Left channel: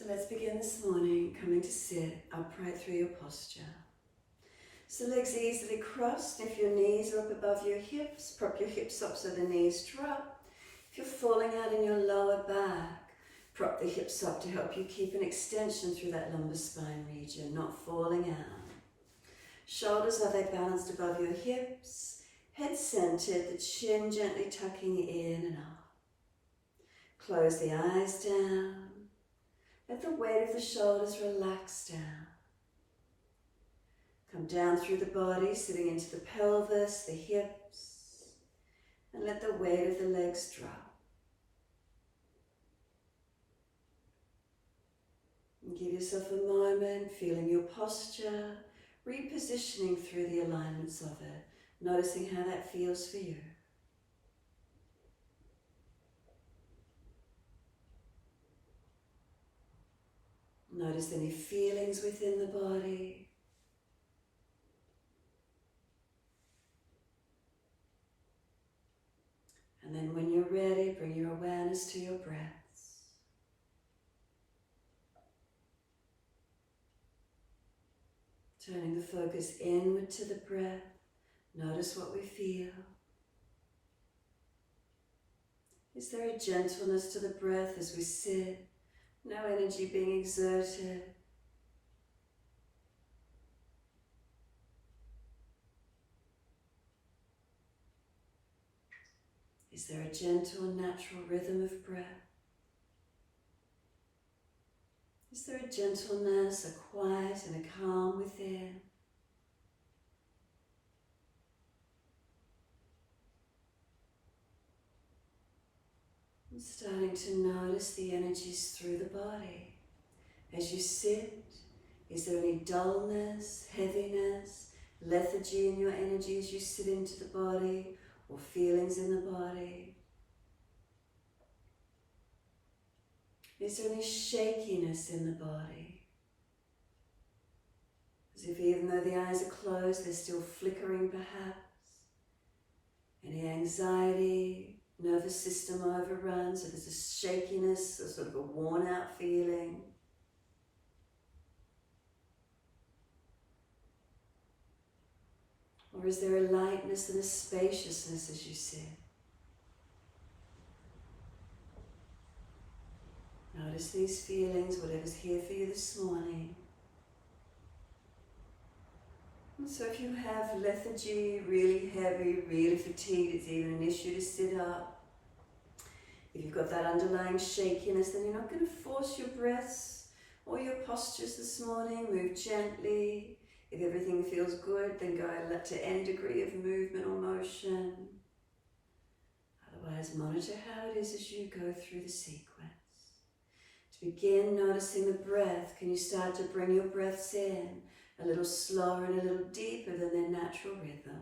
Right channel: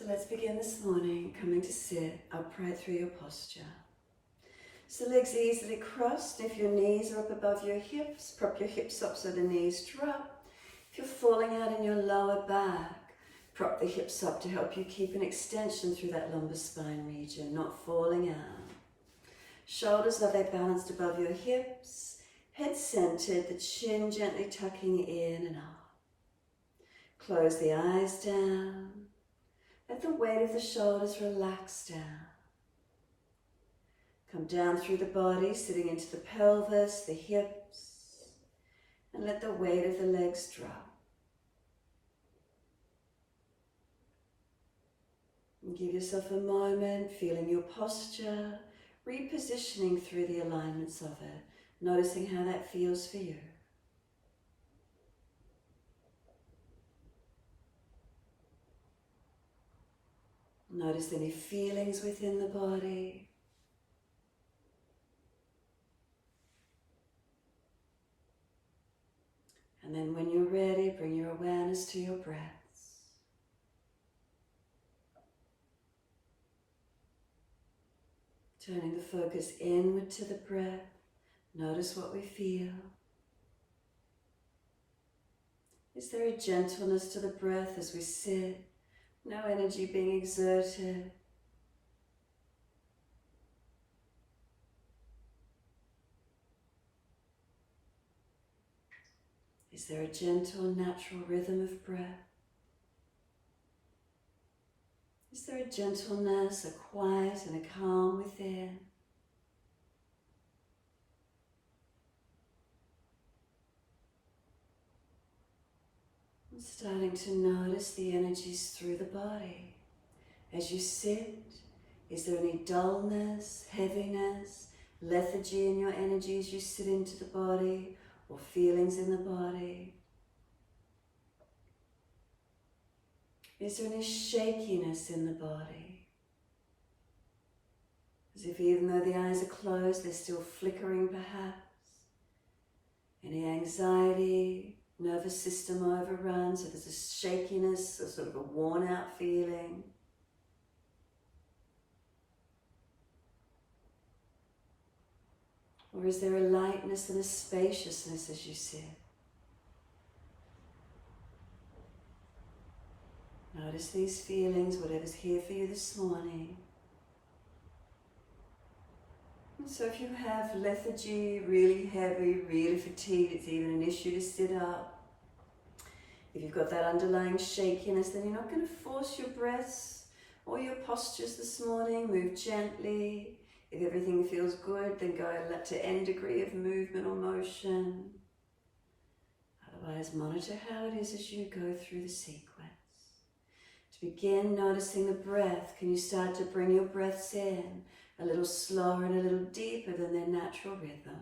So let's begin this morning coming to sit upright through your posture. So legs easily crossed. If your knees are up above your hips, prop your hips up so the knees drop. If you're falling out in your lower back, prop the hips up to help you keep an extension through that lumbar spine region, not falling out. Shoulders are they balanced above your hips, head centered, the chin gently tucking in and up. Close the eyes down. Let the weight of the shoulders relax down. Come down through the body, sitting into the pelvis, the hips, and let the weight of the legs drop. And give yourself a moment, feeling your posture, repositioning through the alignments of it, noticing how that feels for you. Notice any feelings within the body. And then when you're ready, bring your awareness to your breaths. Turning the focus inward to the breath. Notice what we feel. Is there a gentleness to the breath as we sit? No energy being exerted. Is there a gentle, natural rhythm of breath? Is there a gentleness, a quiet and a calm within? And starting to notice the energies through the body. As you sit, is there any dullness, heaviness, lethargy in your energy as you sit into the body, or feelings in the body? Is there any shakiness in the body? As if even though the eyes are closed, they're still flickering perhaps. Any anxiety, nervous system overrun, so there's a shakiness, a sort of a worn out feeling. Or is there a lightness and a spaciousness as you sit? Notice these feelings, whatever's here for you this morning. And so if you have lethargy, really heavy, really fatigued, it's even an issue to sit up. If you've got that underlying shakiness, then you're not going to force your breaths or your postures this morning. Move gently. If everything feels good, then go to any degree of movement or motion. Otherwise, monitor how it is as you go through the sequence. To begin noticing the breath, can you start to bring your breaths in a little slower and a little deeper than their natural rhythm?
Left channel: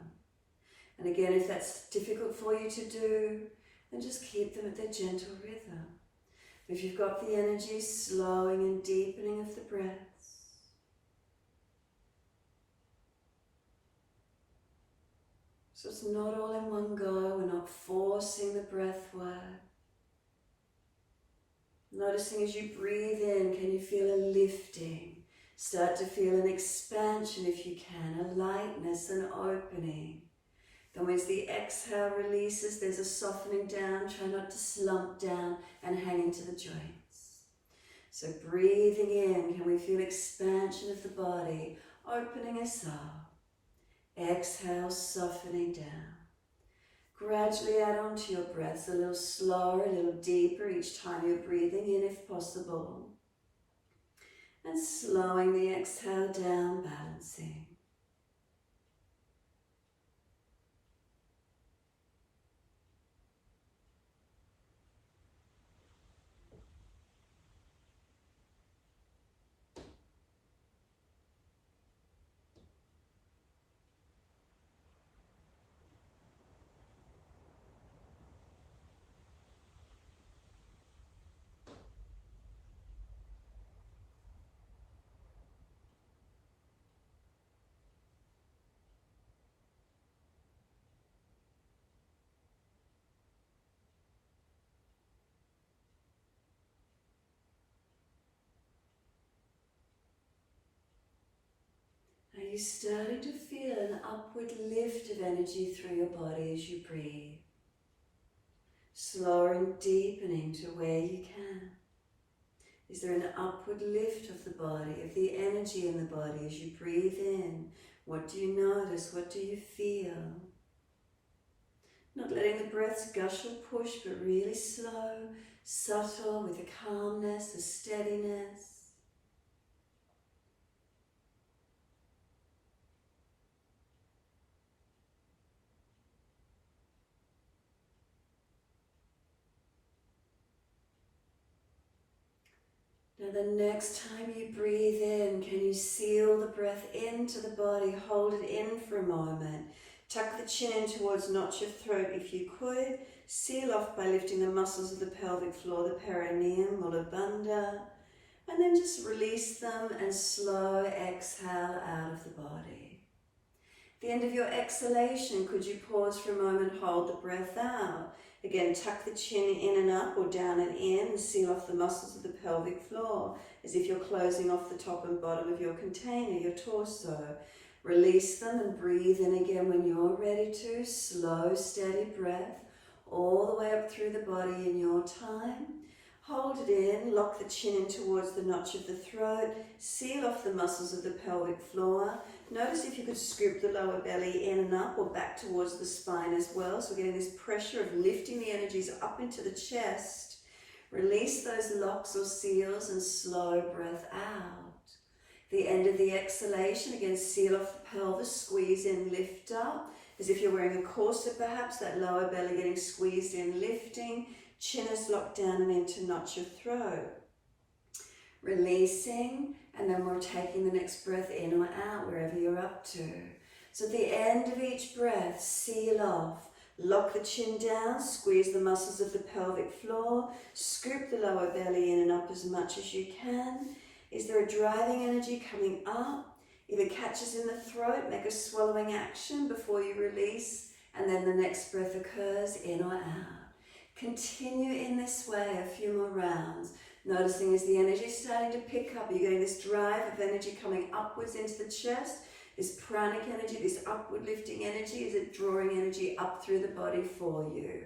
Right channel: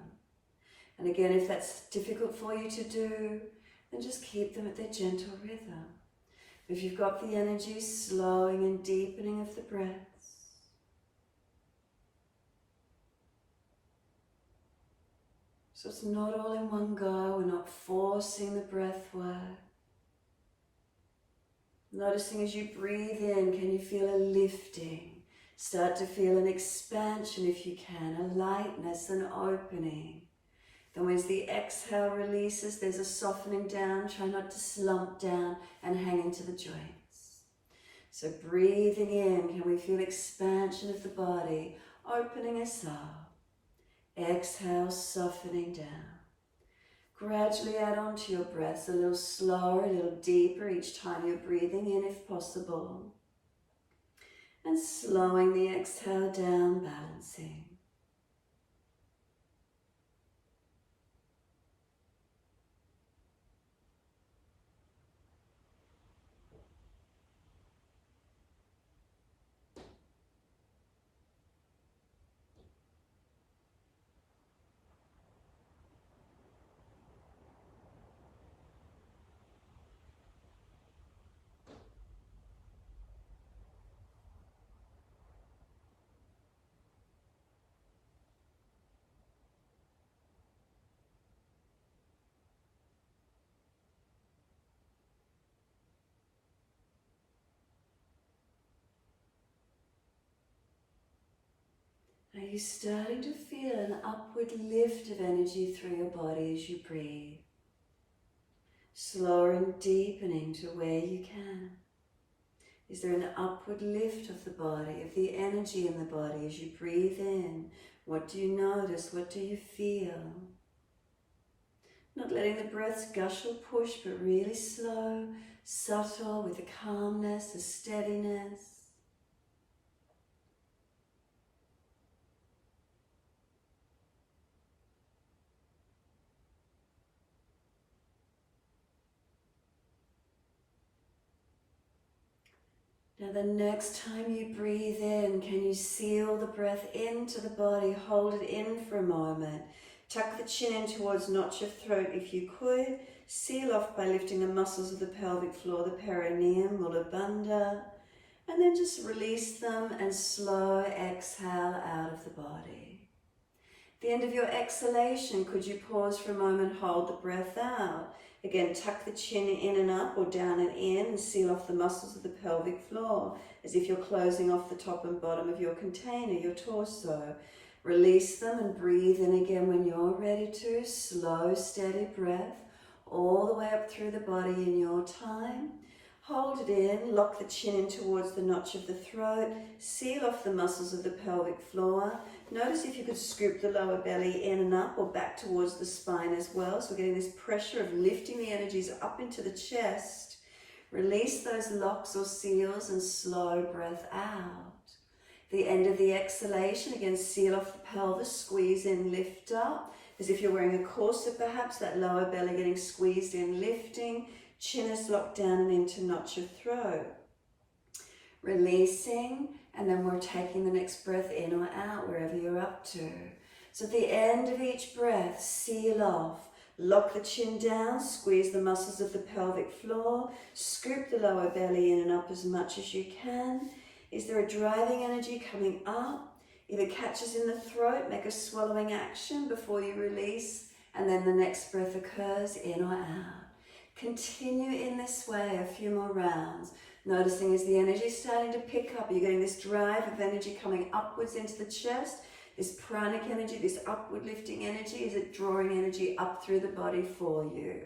And again, if that's difficult for you to do, then just keep them at their gentle rhythm. If you've got the energy, slowing and deepening of the breath. So it's not all in one go, we're not forcing the breath work. Noticing as you breathe in, can you feel a lifting? Start to feel an expansion if you can, a lightness, an opening. Then as the exhale releases, there's a softening down. Try not to slump down and hang into the joints. So breathing in, can we feel expansion of the body, opening us up. Exhale, softening down. Gradually add on to your breaths, a little slower, a little deeper each time you're breathing in if possible. And slowing the exhale down, balancing. Are you starting to feel an upward lift of energy through your body as you breathe? Slower and deepening to where you can. Is there an upward lift of the body, of the energy in the body as you breathe in? What do you notice? What do you feel? Not letting the breaths gush or push, but really slow, subtle, with a calmness, a steadiness. Now the next time you breathe in, can you seal the breath into the body, hold it in for a moment. Tuck the chin in towards notch of throat if you could. Seal off by lifting the muscles of the pelvic floor, the perineum, Mula Bandha. And then just release them and slow exhale out of the body. At the end of your exhalation, could you pause for a moment, hold the breath out. Again, tuck the chin in and up or down and in and seal off the muscles of the pelvic floor as if you're closing off the top and bottom of your container, your torso. Release them and breathe in again when you're ready to. Slow, steady breath all the way up through the body in your time. Hold it in, lock the chin in towards the notch of the throat, seal off the muscles of the pelvic floor. Notice if you could scoop the lower belly in and up or back towards the spine as well. So we're getting this pressure of lifting the energies up into the chest. Release those locks or seals and slow breath out. The end of the exhalation, again, seal off the pelvis, squeeze in, lift up. As if you're wearing a corset perhaps, that lower belly getting squeezed in, lifting. Chin is locked down and into notch of throat. Releasing, and then we're taking the next breath in or out, wherever you're up to. So at the end of each breath, seal off. Lock the chin down, squeeze the muscles of the pelvic floor, scoop the lower belly in and up as much as you can. Is there a driving energy coming up? If it catches in the throat, make a swallowing action before you release, and then the next breath occurs in or out. Continue in this way a few more rounds, noticing as the energy is starting to pick up, you're getting this drive of energy coming upwards into the chest, this pranic energy, this upward lifting energy, is it drawing energy up through the body for you?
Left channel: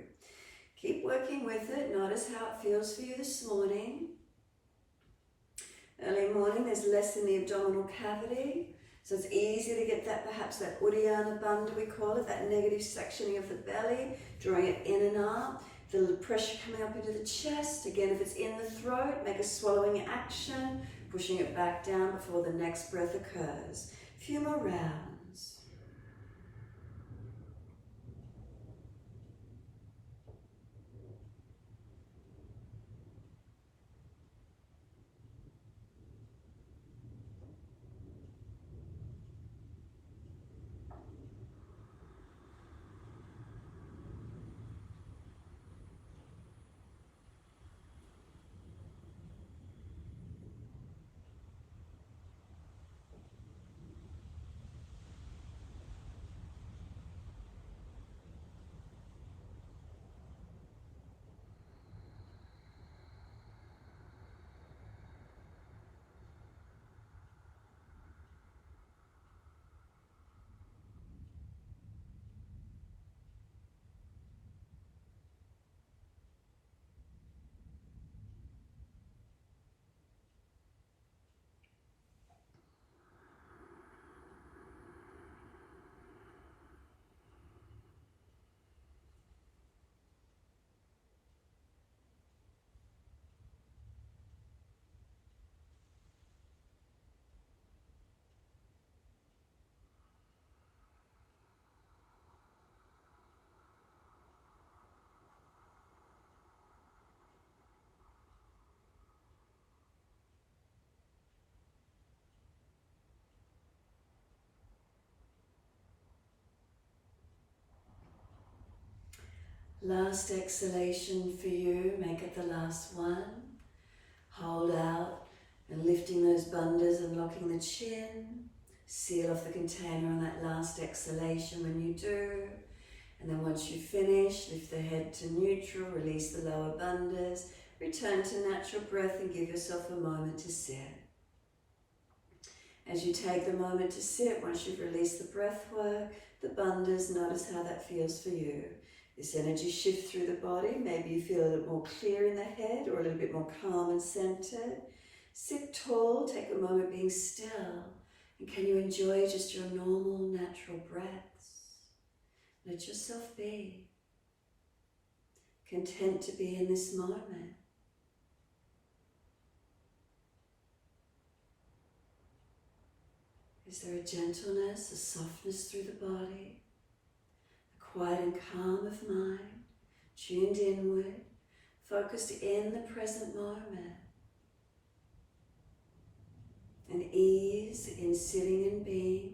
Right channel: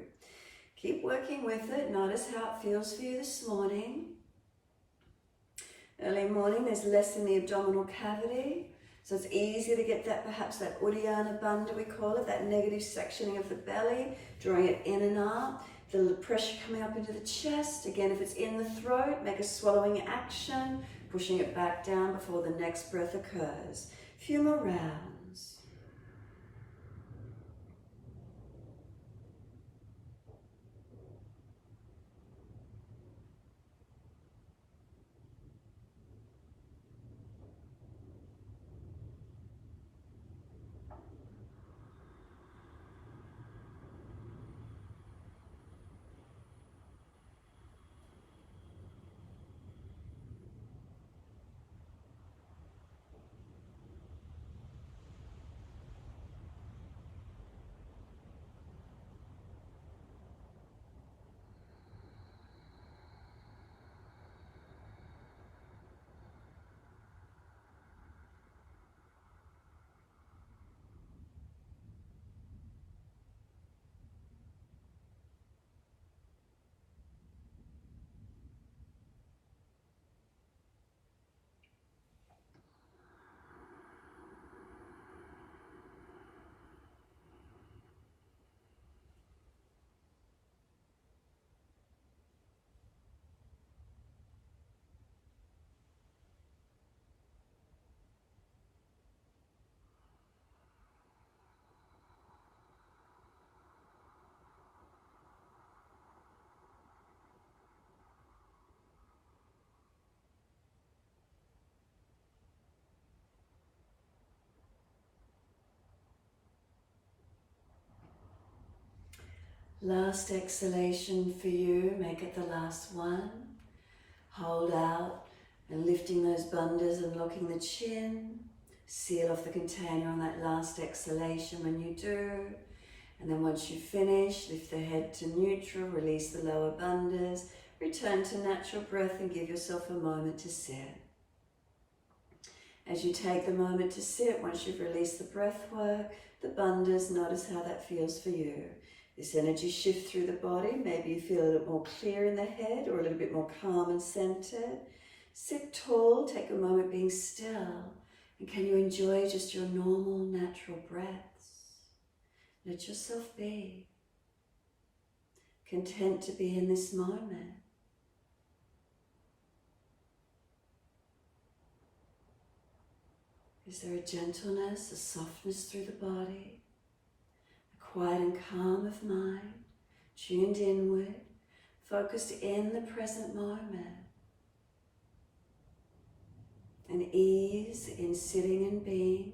Keep working with it. Notice how it feels for you this morning. Early morning, there's less in the abdominal cavity, so it's easy to get that, perhaps that Uddiyana Bandha we call it, that negative sectioning of the belly, drawing it in and up. The pressure coming up into the chest. Again, if it's in the throat, make a swallowing action, pushing it back down before the next breath occurs. A few more rounds. Last exhalation for you, make it the last one. Hold out and lifting those bandhas and locking the chin. Seal off the container on that last exhalation when you do. And then once you finish, lift the head to neutral, release the lower bandhas, return to natural breath and give yourself a moment to sit. As you take the moment to sit, once you've released the breath work, the bandhas, notice how that feels for you. This energy shift through the body, maybe you feel a little more clear in the head or a little bit more calm and centered. Sit tall, take a moment being still, and can you enjoy just your normal, natural breaths? Let yourself be content to be in this moment. Is there a gentleness, a softness through the body, a quiet and calm of mind, tuned inward, focused in the present moment, an ease in sitting and being?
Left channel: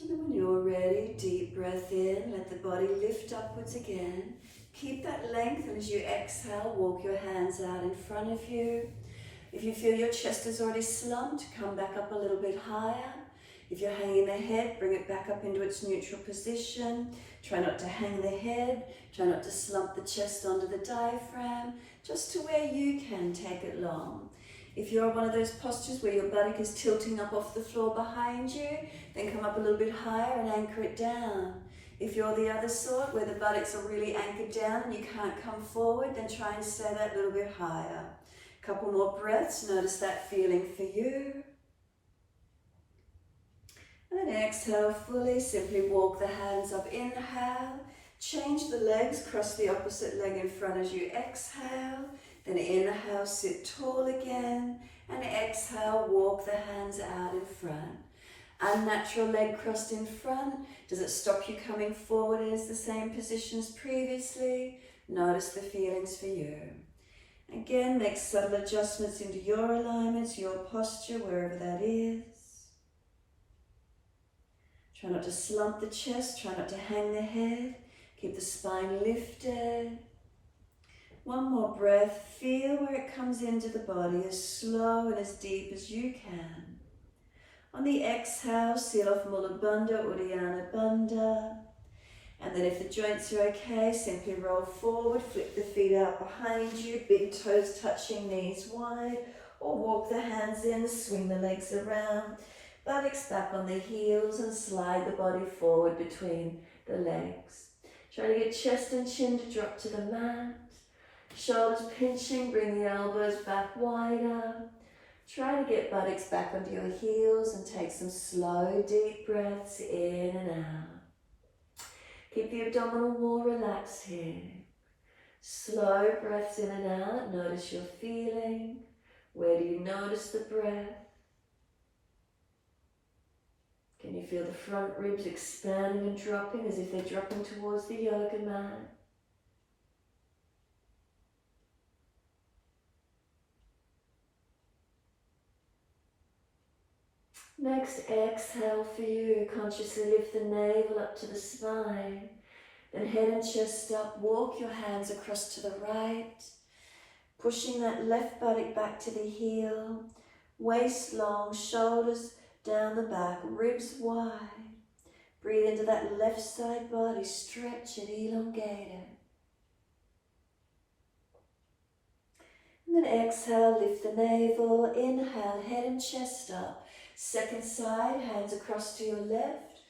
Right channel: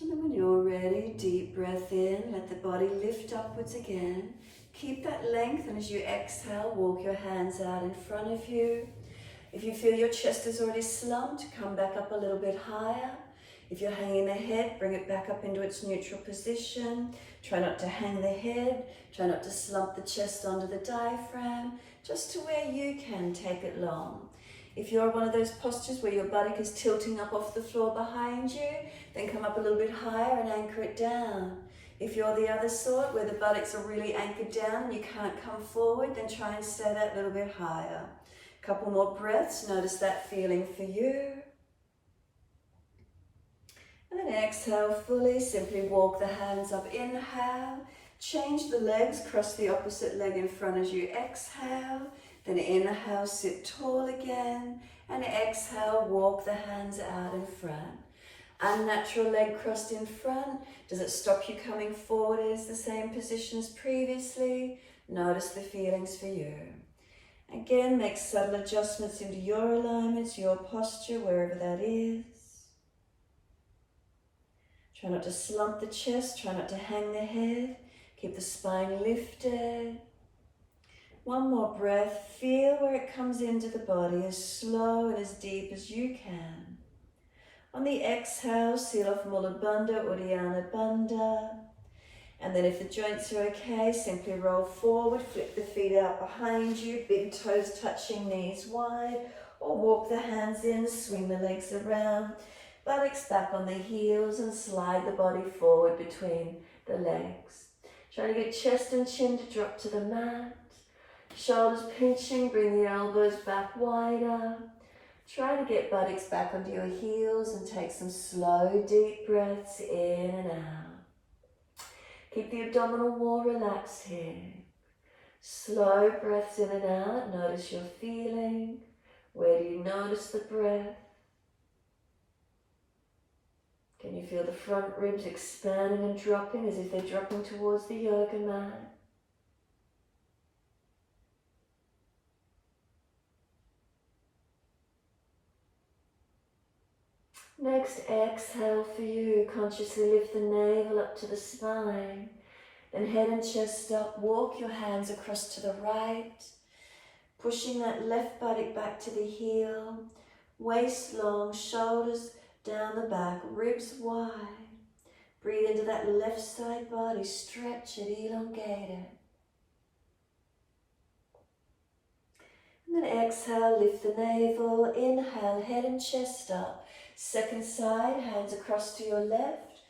And then when you're ready, deep breath in, let the body lift upwards again. Keep that length, and as you exhale, walk your hands out in front of you. If you feel your chest is already slumped, come back up a little bit higher. If you're hanging the head, bring it back up into its neutral position. Try not to hang the head. Try not to slump the chest onto the diaphragm. Just to where you can take it long. If you're one of those postures where your buttock is tilting up off the floor behind you, then come up a little bit higher and anchor it down. If you're the other sort where the buttocks are really anchored down and you can't come forward, then try and stay that little bit higher. A couple more breaths, notice that feeling for you. And then exhale fully, simply walk the hands up, inhale. Change the legs, cross the opposite leg in front as you exhale. Then inhale, sit tall again. And exhale, walk the hands out in front. Unnatural leg crossed in front. Does it stop you coming forward as the same position as previously? Notice the feelings for you. Again, make subtle adjustments into your alignments, your posture, wherever that is. Try not to slump the chest, try not to hang the head. Keep the spine lifted. One more breath. Feel where it comes into the body, as slow and as deep as you can. On the exhale, seal off Mula Bandha, Uddiyana Bandha. And then if the joints are okay, simply roll forward, flip the feet out behind you, big toes touching, knees wide, or walk the hands in, swing the legs around, buttocks back on the heels, and slide the body forward between the legs. Try to get chest and chin to drop to the mat. Shoulders pinching, bring the elbows back wider. Try to get buttocks back onto your heels and take some slow, deep breaths in and out. Keep the abdominal wall relaxed here. Slow breaths in and out. Notice your feeling. Where do you notice the breath? Can you feel the front ribs expanding and dropping as if they're dropping towards the yoga mat? Next, exhale for you. Consciously lift the navel up to the spine. Then head and chest up. Walk your hands across to the right. Pushing that left buttock back to the heel. Waist long, shoulders down the back, ribs wide. Breathe into that left side body. Stretch it, elongate it. And then exhale, lift the navel. Inhale, head and chest up. Second side, hands across to your left.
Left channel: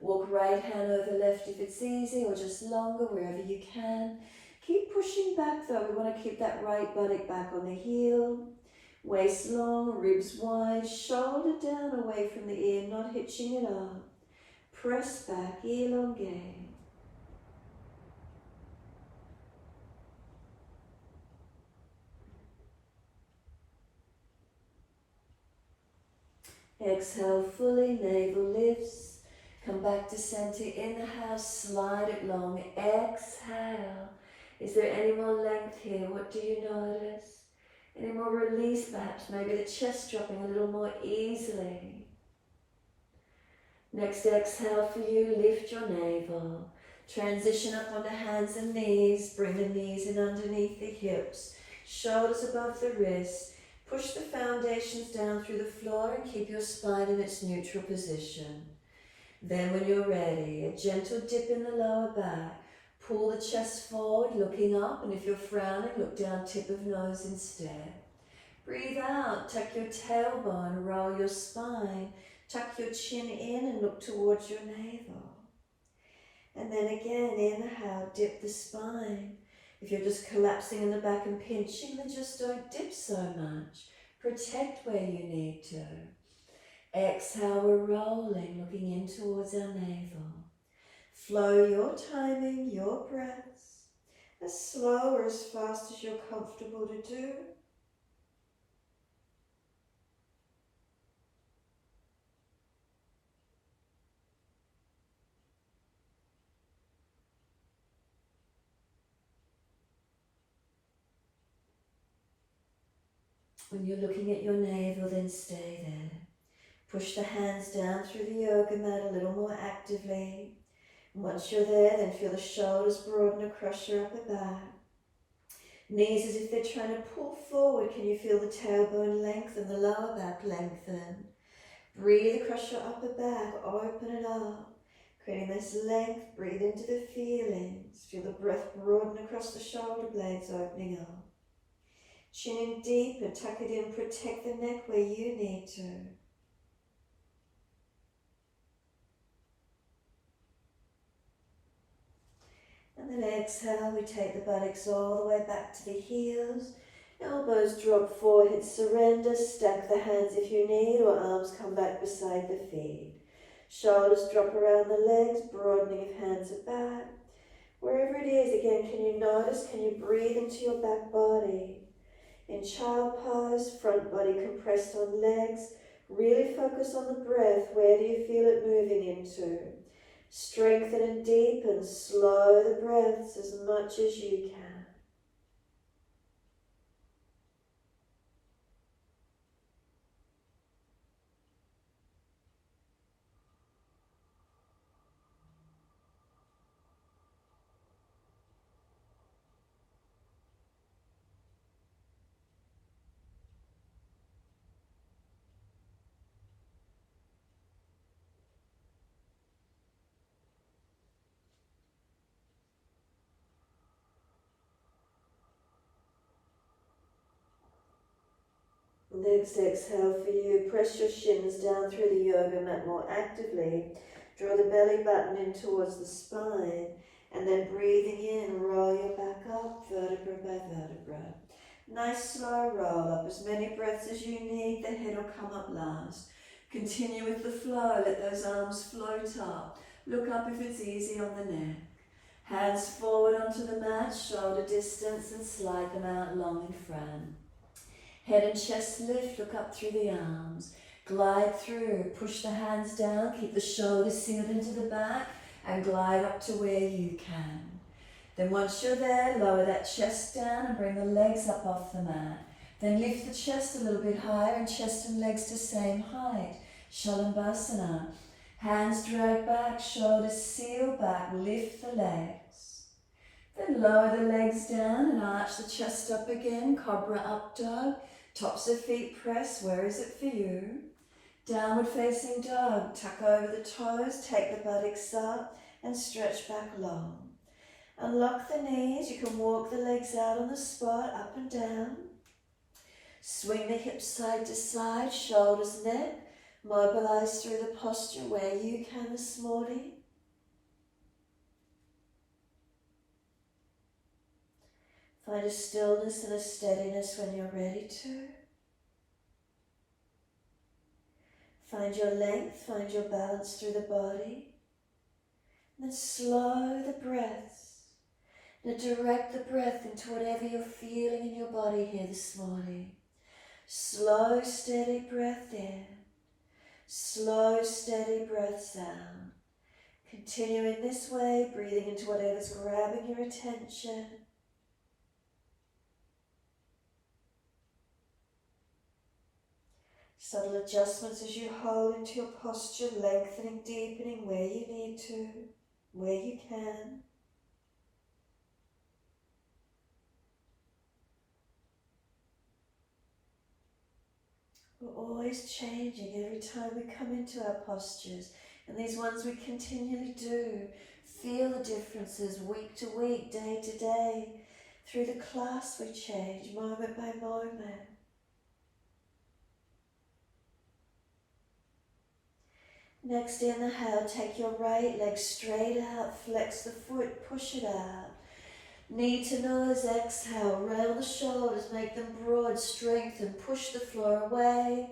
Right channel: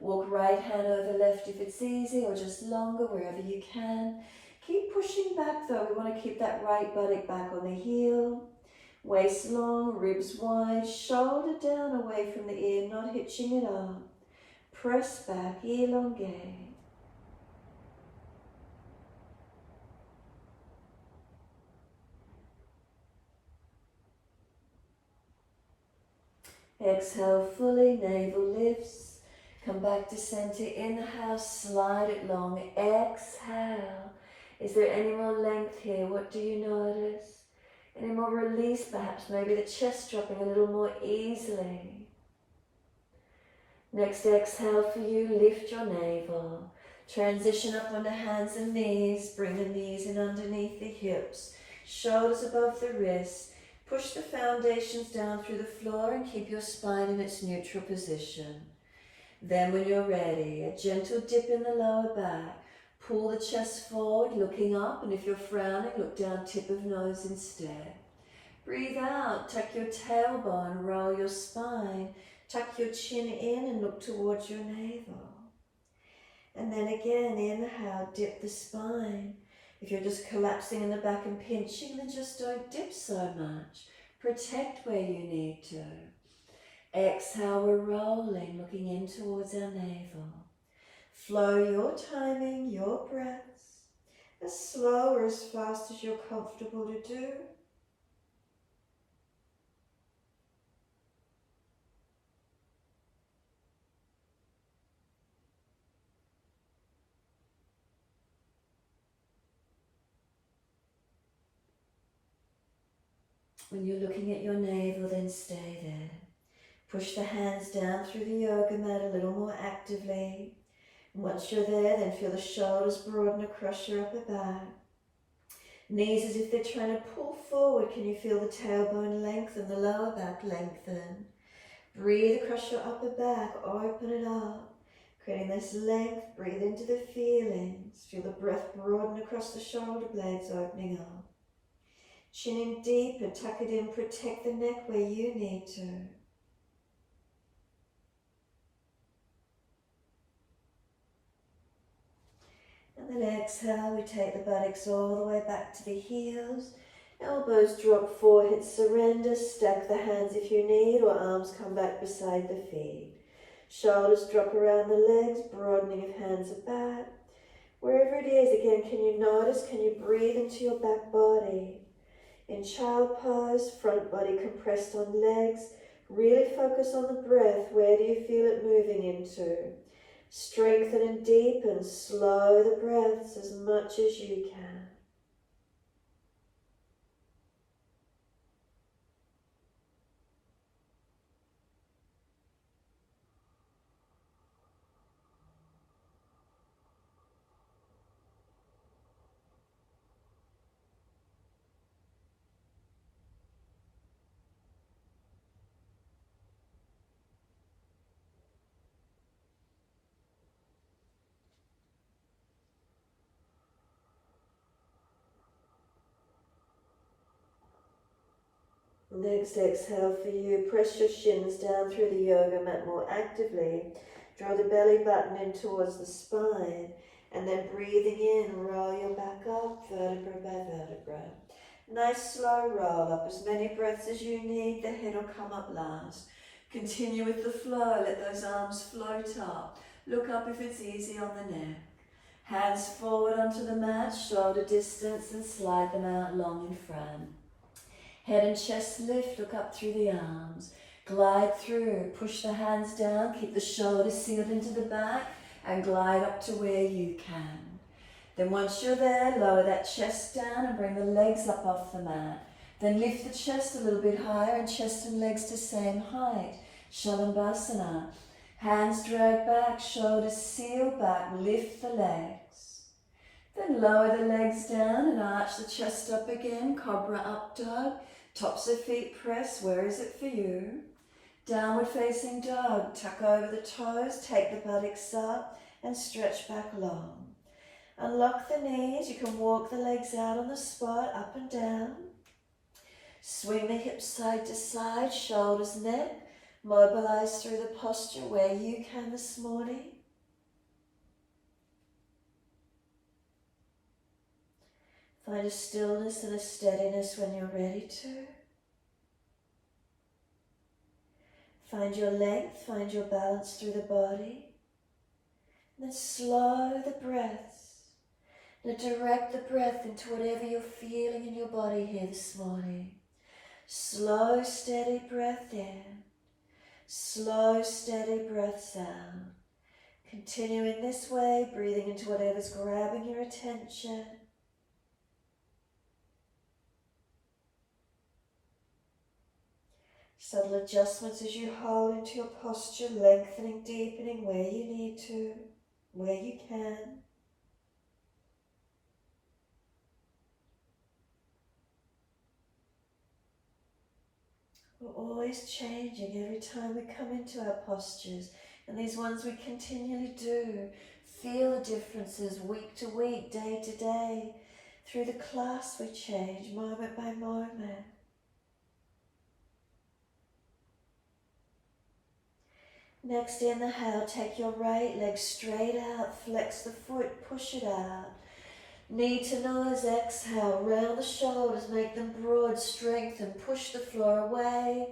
Walk right hand over left if it's easy, or just longer, wherever you can. Keep pushing back though. We want to keep that right buttock back on the heel. Waist long, ribs wide, shoulder down away from the ear, not hitching it up. Press back, elongate. Exhale fully, navel lifts. Come back to center. Inhale, slide it long. Exhale. Is there any more length here? What do you notice? Any more release perhaps? Maybe the chest dropping a little more easily. Next exhale for you, lift your navel. Transition up onto hands and knees. Bring the knees in underneath the hips. Shoulders above the wrists. Push the foundations down through the floor and keep your spine in its neutral position. Then when you're ready, a gentle dip in the lower back. pull the chest forward, looking up, and if you're frowning, look down, tip of nose instead. Breathe out, tuck your tailbone, roll your spine, tuck your chin in and look towards your navel. And then again, inhale, dip the spine. If you're just collapsing in the back and pinching, then just don't dip so much. Protect where you need to. Exhale, we're rolling, looking in towards our navel. Flow your timing, your breaths, as slow or as fast as you're comfortable to do. When you're looking at your navel, then stay there. Push the hands down through the yoga mat a little more actively. And once you're there, then feel the shoulders broaden across your upper back. Knees as if they're trying to pull forward. Can you feel the tailbone lengthen, the lower back lengthen? Breathe across your upper back, open it up. Creating this length, breathe into the feelings. Feel the breath broaden across the shoulder blades, opening up. Chin in deep and tuck it in, protect the neck where you need to. And then exhale, we take the buttocks all the way back to the heels. Elbows drop, forehead surrender, stack the hands if you need, or arms come back beside the feet. Shoulders drop around the legs, broadening if hands are back. Wherever it is, again, can you notice, can you breathe into your back body? In child pose, front body compressed on legs. Really focus on the breath. Where do you feel it moving into? Strengthen and deepen. Slow the breaths as much as you can. Next exhale for you, press your shins down through the yoga mat more actively. Draw the belly button in towards the spine, and then breathing in, roll your back up, vertebra by vertebra. Nice slow roll up, as many breaths as you need, the head will come up last. Continue with the flow, let those arms float up. Look up if it's easy on the neck. Hands forward onto the mat, shoulder distance, and slide them out long in front. Head and chest lift, look up through the arms. Glide through, push the hands down, keep the shoulders sealed into the back, and glide up to where you can. Then once you're there, lower that chest down and bring the legs up off the mat. Then lift the chest a little bit higher and chest and legs to same height. Shalabhasana. Hands drag back, shoulders seal back, lift the legs. Then lower the legs down and arch the chest up again, cobra up dog. Tops of feet press, where is it for you? Downward facing dog, tuck over the toes, take the buttocks up and stretch back long. Unlock the knees, you can walk the legs out on the spot, up and down. Swing the hips side to side, shoulders, neck. Mobilize through the posture where you can this morning. Find a stillness and a steadiness when you're ready to. Find your length, find your balance through the body. And then slow the breaths. Now direct the breath into whatever you're feeling in your body here this morning. Slow, steady breath in. Slow, steady breaths out. Continuing this way, breathing into whatever's grabbing your attention. Subtle adjustments as you hold into your posture, lengthening, deepening where you need to, where you can. We're always changing every time we come into our postures, and these ones we continually do. Feel the differences week to week, day to day. Through the class we change moment by moment. Next inhale, take your right leg straight out, flex the foot, push it out. Knee to nose, exhale, round the shoulders, make them broad, strengthen, push the floor away.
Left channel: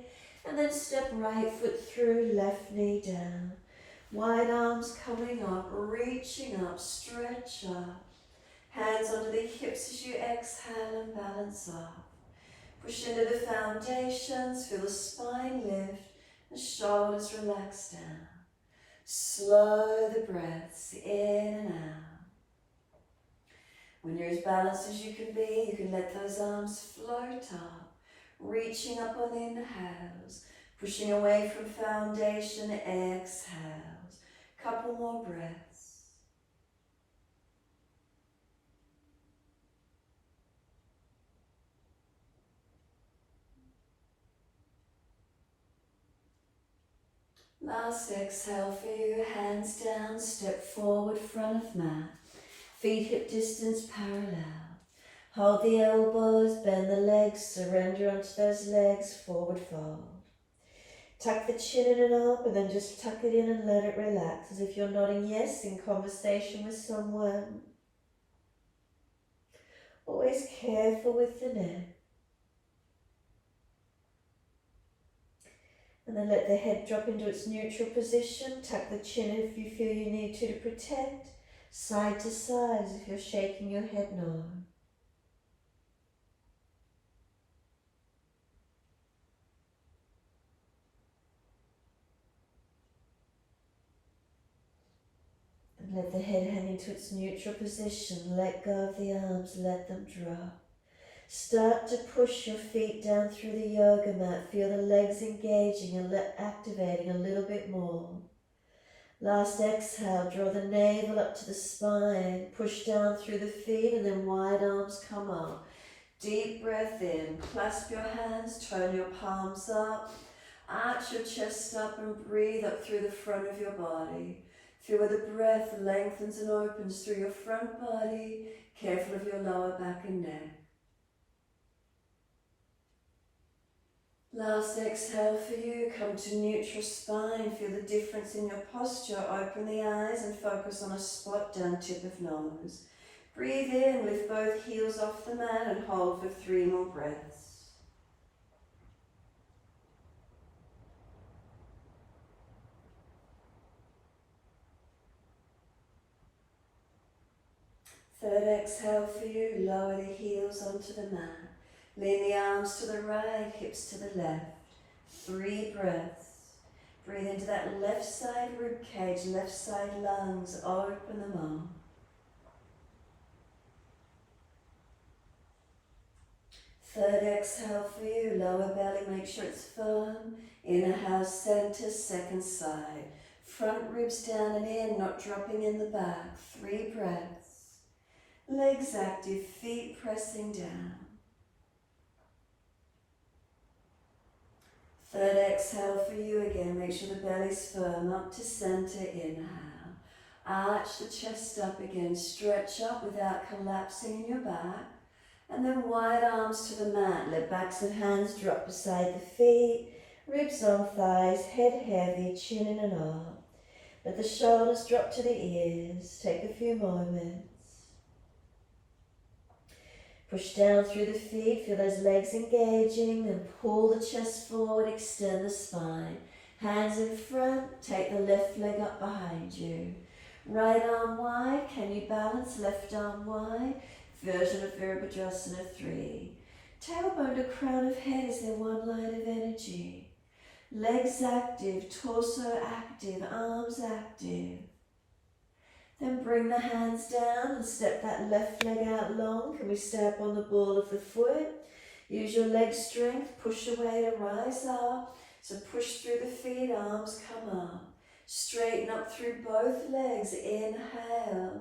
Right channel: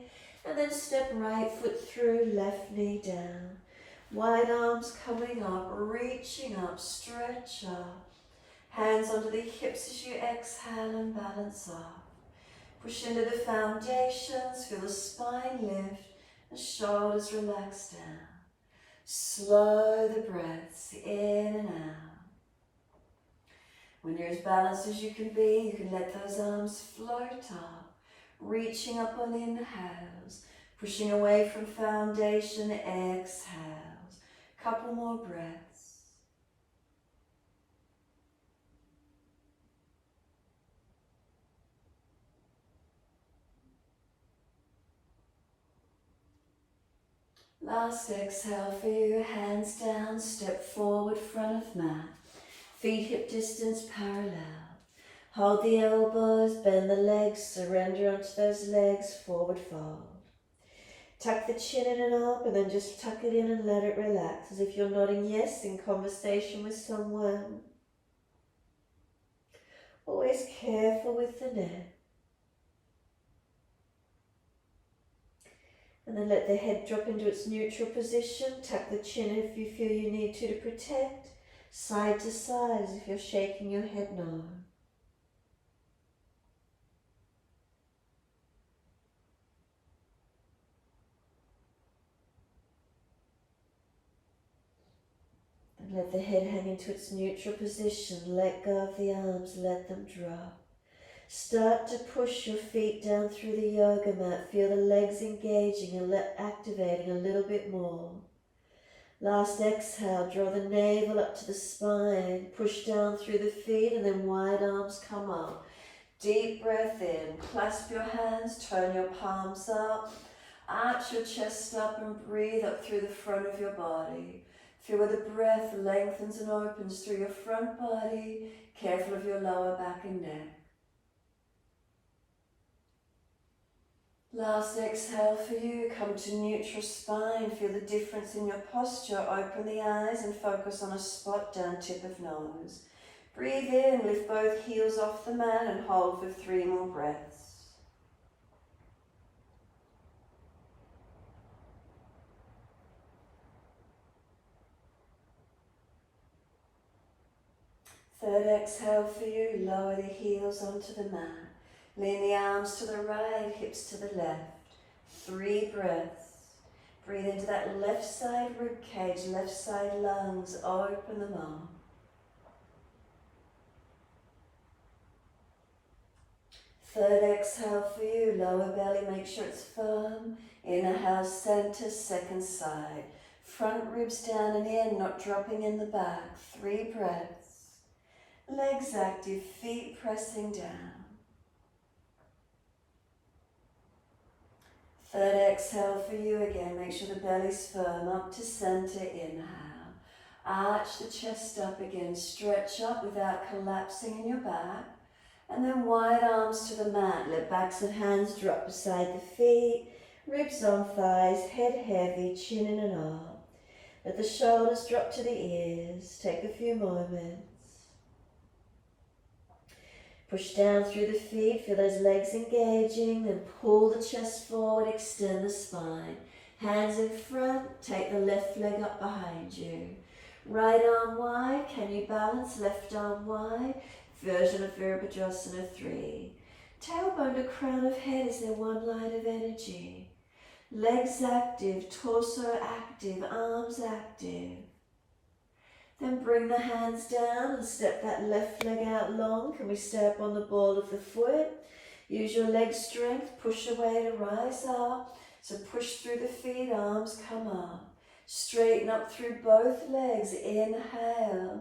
And then step right foot through, left knee down. Wide arms coming up, reaching up, stretch up. Hands onto the hips as you exhale and balance up. Push into the foundations, feel the spine lift, the shoulders relax down. Slow the breaths in and out. When you're as balanced as you can be, you can let those arms float up, reaching up on inhales, pushing away from foundation, exhales. Couple more breaths. Last exhale for you, hands down, step forward, front of mat. Feet hip distance parallel. Hold the elbows, bend the legs, surrender onto those legs, forward fold. Tuck the chin in and up, and then just tuck it in and let it relax, as if you're nodding yes in conversation with someone. Always careful with the neck. And then let the head drop into its neutral position. Tuck the chin if you feel you need to protect. Side to side as if you're shaking your head no. And let the head hang into its neutral position. Let go of the arms, let them drop. Start to push your feet down through the yoga mat. Feel the legs engaging and activating a little bit more. Last exhale, draw the navel up to the spine. Push down through the feet and then wide arms come up. Deep breath in. Clasp your hands, turn your palms up. Arch your chest up and breathe up through the front of your body. Feel where the breath lengthens and opens through your front body. Careful of your lower back and neck. Last exhale for you, come to neutral spine, feel the difference in your posture, open the eyes and focus on a spot down tip of nose. Breathe in, lift both heels off the mat and hold for 3 more breaths. Third exhale for you, lower the heels onto the mat. Lean the arms to the right, hips to the left. 3 breaths. Breathe into that left side rib cage, left side lungs. Open them up. Third exhale for you, lower belly, make sure it's firm. Inhale, center, second side. Front ribs down and in, not dropping in the back. 3 breaths. Legs active, feet pressing down. Third exhale for you again, make sure the belly's firm, up to center, inhale. Arch the chest up again, stretch up without collapsing in your back. And then wide arms to the mat, let backs and hands drop beside the feet, ribs on thighs, head heavy, chin in and up. Let the shoulders drop to the ears, take a few moments. Push down through the feet, feel those legs engaging and pull the chest forward, extend the spine. Hands in front, take the left leg up behind you. Right arm wide, can you balance? Left arm wide. Version of Virabhadrasana 3. Tailbone to crown of head is there one line of energy. Legs active, torso active, arms active. Then bring the hands down and step that left leg out long. Can we stay up on the ball of the foot? Use your leg strength, push away to rise up. So push through the feet, arms come up. Straighten up through both legs, inhale.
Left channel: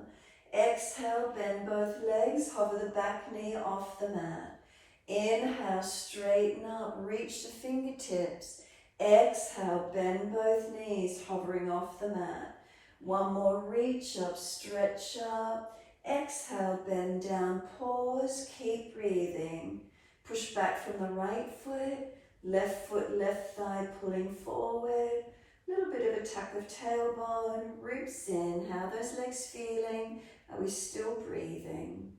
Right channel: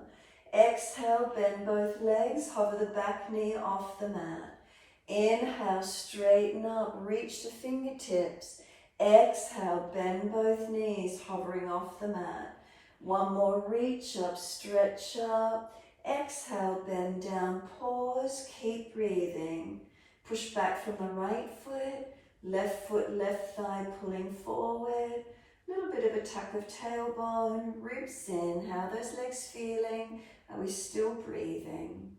Exhale, bend both legs, hover the back knee off the mat. Inhale, straighten up, reach the fingertips. Exhale, bend both knees, hovering off the mat. One more, reach up, stretch up. Exhale, bend down, pause, keep breathing. Push back from the right foot, left thigh pulling forward. Little bit of a tuck of tailbone, ribs in. How are those legs feeling? Are we still breathing?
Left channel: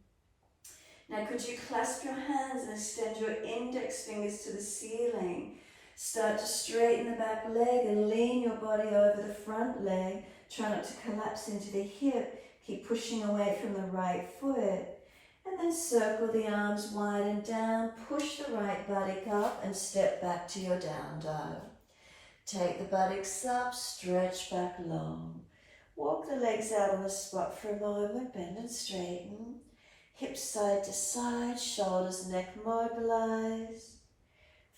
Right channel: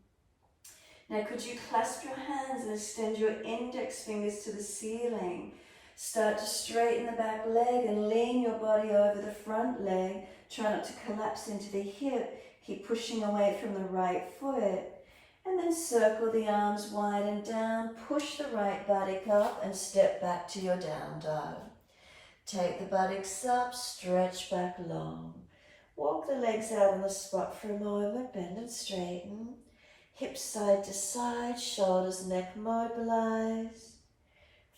Now could you clasp your hands and extend your index fingers to the ceiling? Start to straighten the back leg and lean your body over the front leg. Try not to collapse into the hip. Keep pushing away from the right foot. And then circle the arms wide and down. Push the right buttock up and step back to your down dog. Take the buttocks up, stretch back long. Walk the legs out on the spot for a moment, bend and straighten. Hips side to side, shoulders, neck mobilized.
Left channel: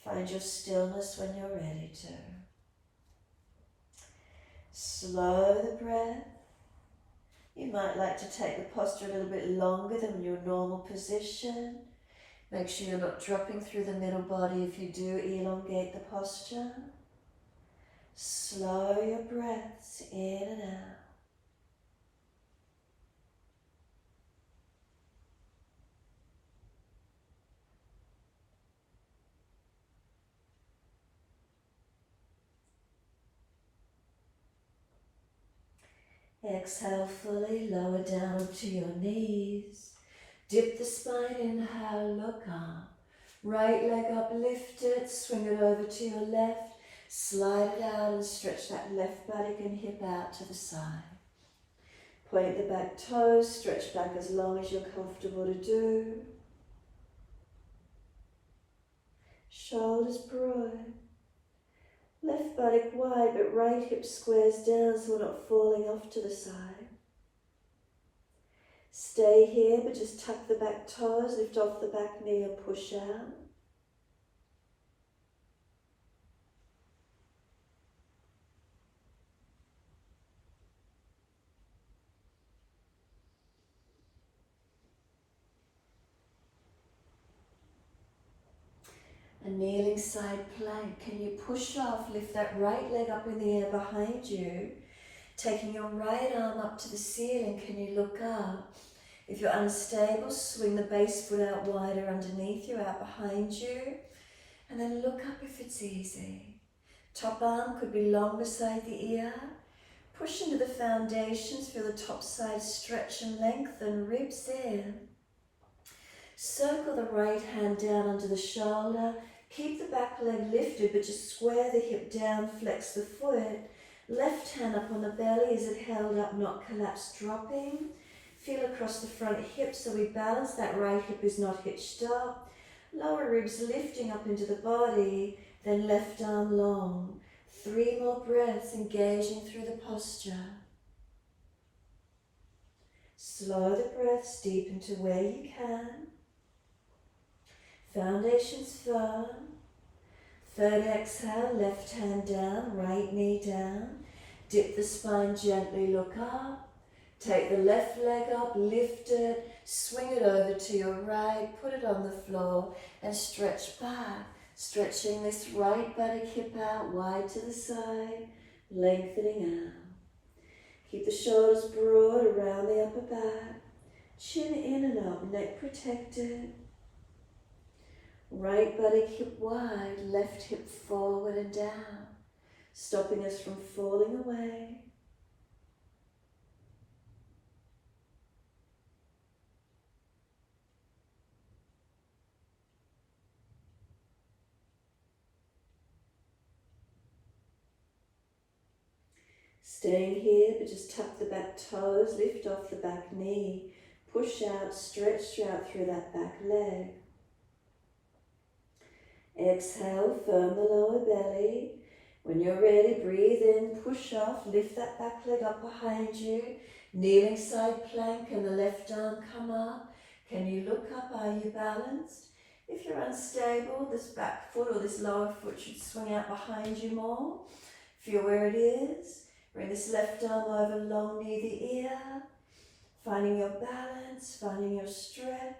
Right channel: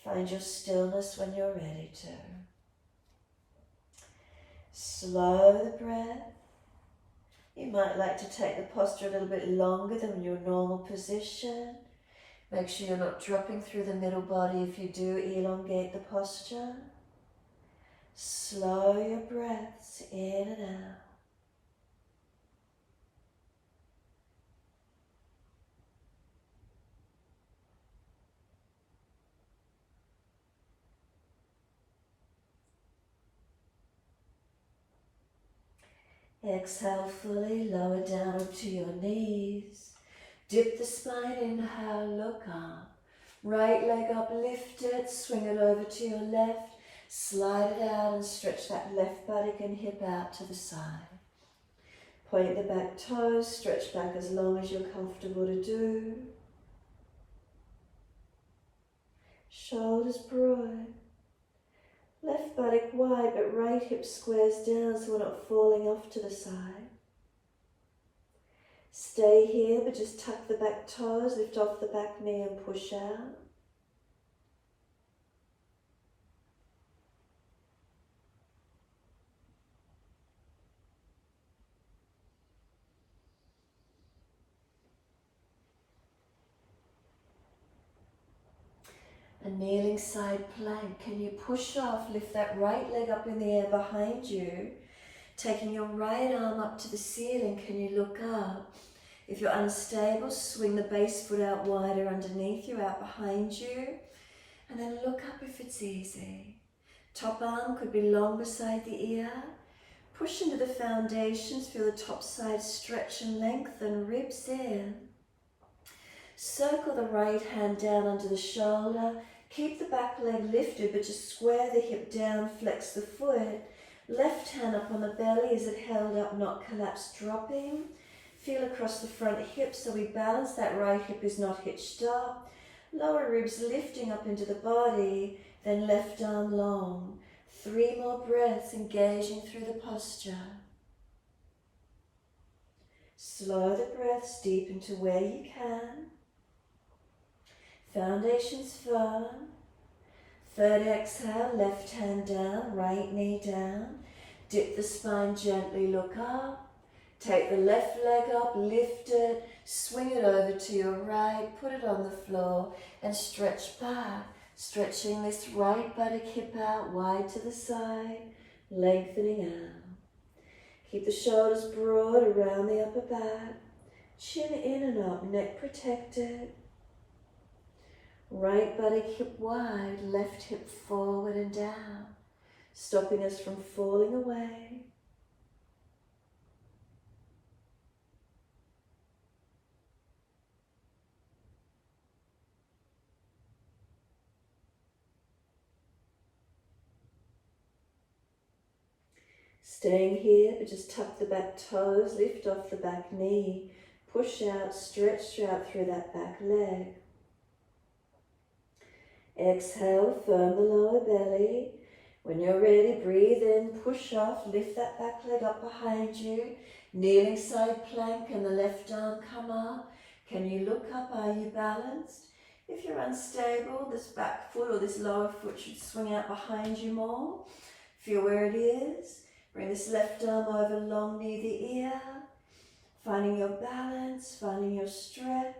Find your stillness when you're ready to. Slow the breath. You might like to take the posture a little bit longer than your normal position. Make sure you're not dropping through the middle body if you do elongate the posture. Slow your breaths in and out. Exhale fully, lower down to your knees. Dip the spine, inhale, look up. Right leg up, lift it, swing it over to your left. Slide it out and stretch that left buttock and hip out to the side. Point the back toes, stretch back as long as you're comfortable to do. Shoulders broad. Left buttock wide, but right hip squares down so we're not falling off to the side. Stay here, but just tuck the back toes, lift off the back knee and push out. A kneeling side plank. Can you push off, lift that right leg up in the air behind you, taking your right arm up to the ceiling. Can you look up? If you're unstable, swing the base foot out wider underneath you, out behind you, and then look up if it's easy. Top arm could be long beside the ear. Push into the foundations, feel the top side stretch and lengthen, ribs in. Circle the right hand down under the shoulder. Keep the back leg lifted, but just square the hip down, flex the foot. Left hand up on the belly, is it held up, not collapsed, dropping. Feel across the front hip so we balance, that right hip is not hitched up. Lower ribs lifting up into the body, then left arm long. 3 more breaths, engaging through the posture. Slow the breaths deep into where you can. Foundations firm. Third exhale, left hand down, right knee down. Dip the spine gently, look up. Take the left leg up, lift it, swing it over to your right, put it on the floor and stretch back. Stretching this right buttock hip out, wide to the side, lengthening out. Keep the shoulders broad around the upper back. Chin in and up, neck protected. Right buttock hip wide, left hip forward and down, stopping us from falling away. Staying here, but just tuck the back toes, lift off the back knee, push out, stretch out through that back leg. Exhale, firm the lower belly. When you're ready, breathe in, push off, lift that back leg up behind you. Kneeling side plank and the left arm come up. Can you look up? Are you balanced? If you're unstable, this back foot or this lower foot should swing out behind you more. Feel where it is. Bring this left arm over long near the ear. Finding your balance, finding your stretch.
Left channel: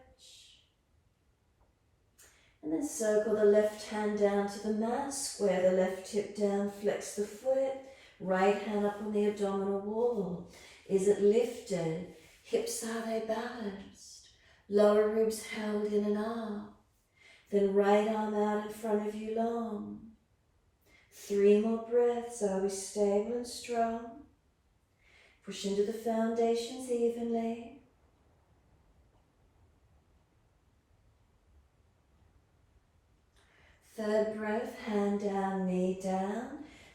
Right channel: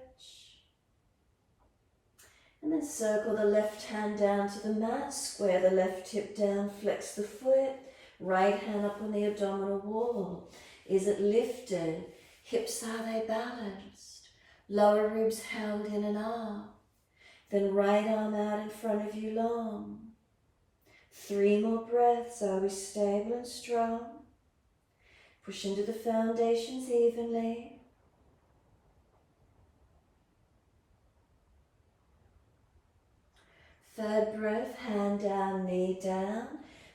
And then circle the left hand down to the mat, square the left hip down, flex the foot, Right hand up on the abdominal wall. Is it lifted? Hips, are they balanced? Lower ribs held in and up. Then right arm out in front of you long. 3 more breaths. Are we stable and strong? Push into the foundations evenly. Third breath, hand down, knee down.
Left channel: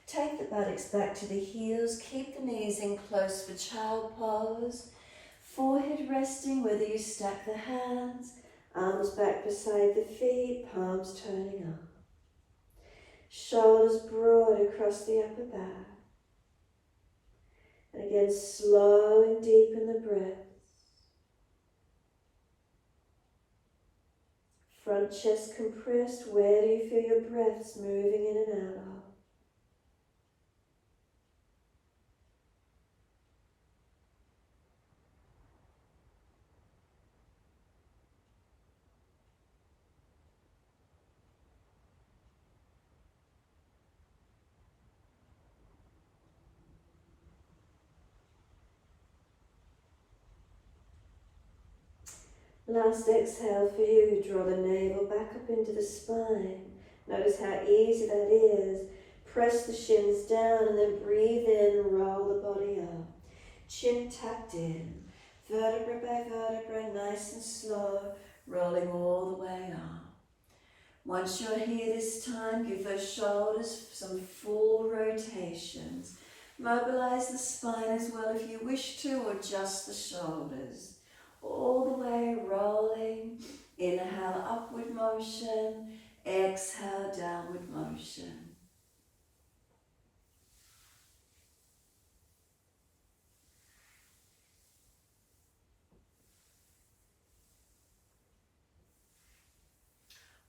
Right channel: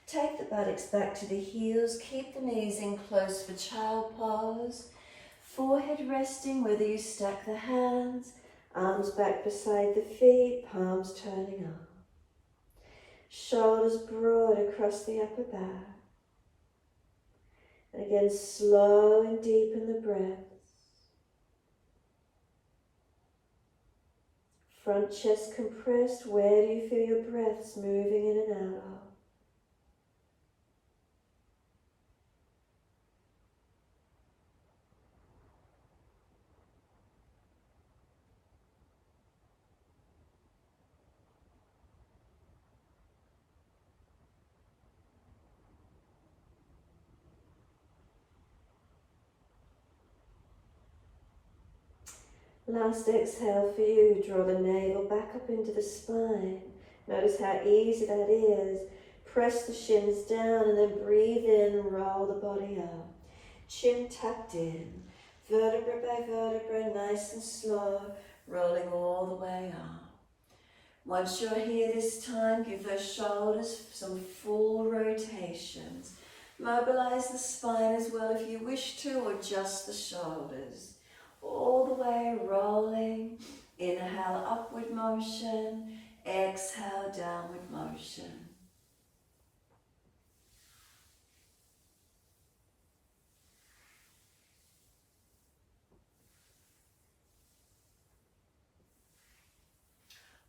Take the buttocks back to the heels. Keep the knees in close for child pose. Forehead resting, whether you stack the hands. Arms back beside the feet, palms turning up. Shoulders broad across the upper back. And again, slow and deepen the breaths. Front chest compressed. Where do you feel your breaths moving in and out of? Last exhale for you, draw the navel back up into the spine. Notice how easy that is. Press the shins down and then breathe in and roll the body up. Chin tucked in, vertebra by vertebra, nice and slow, rolling all the way up. Once you're here this time, give those shoulders some full rotations. Mobilize the spine as well if you wish to, or just the shoulders. All the way rolling. Inhale, upward motion. Exhale, downward motion.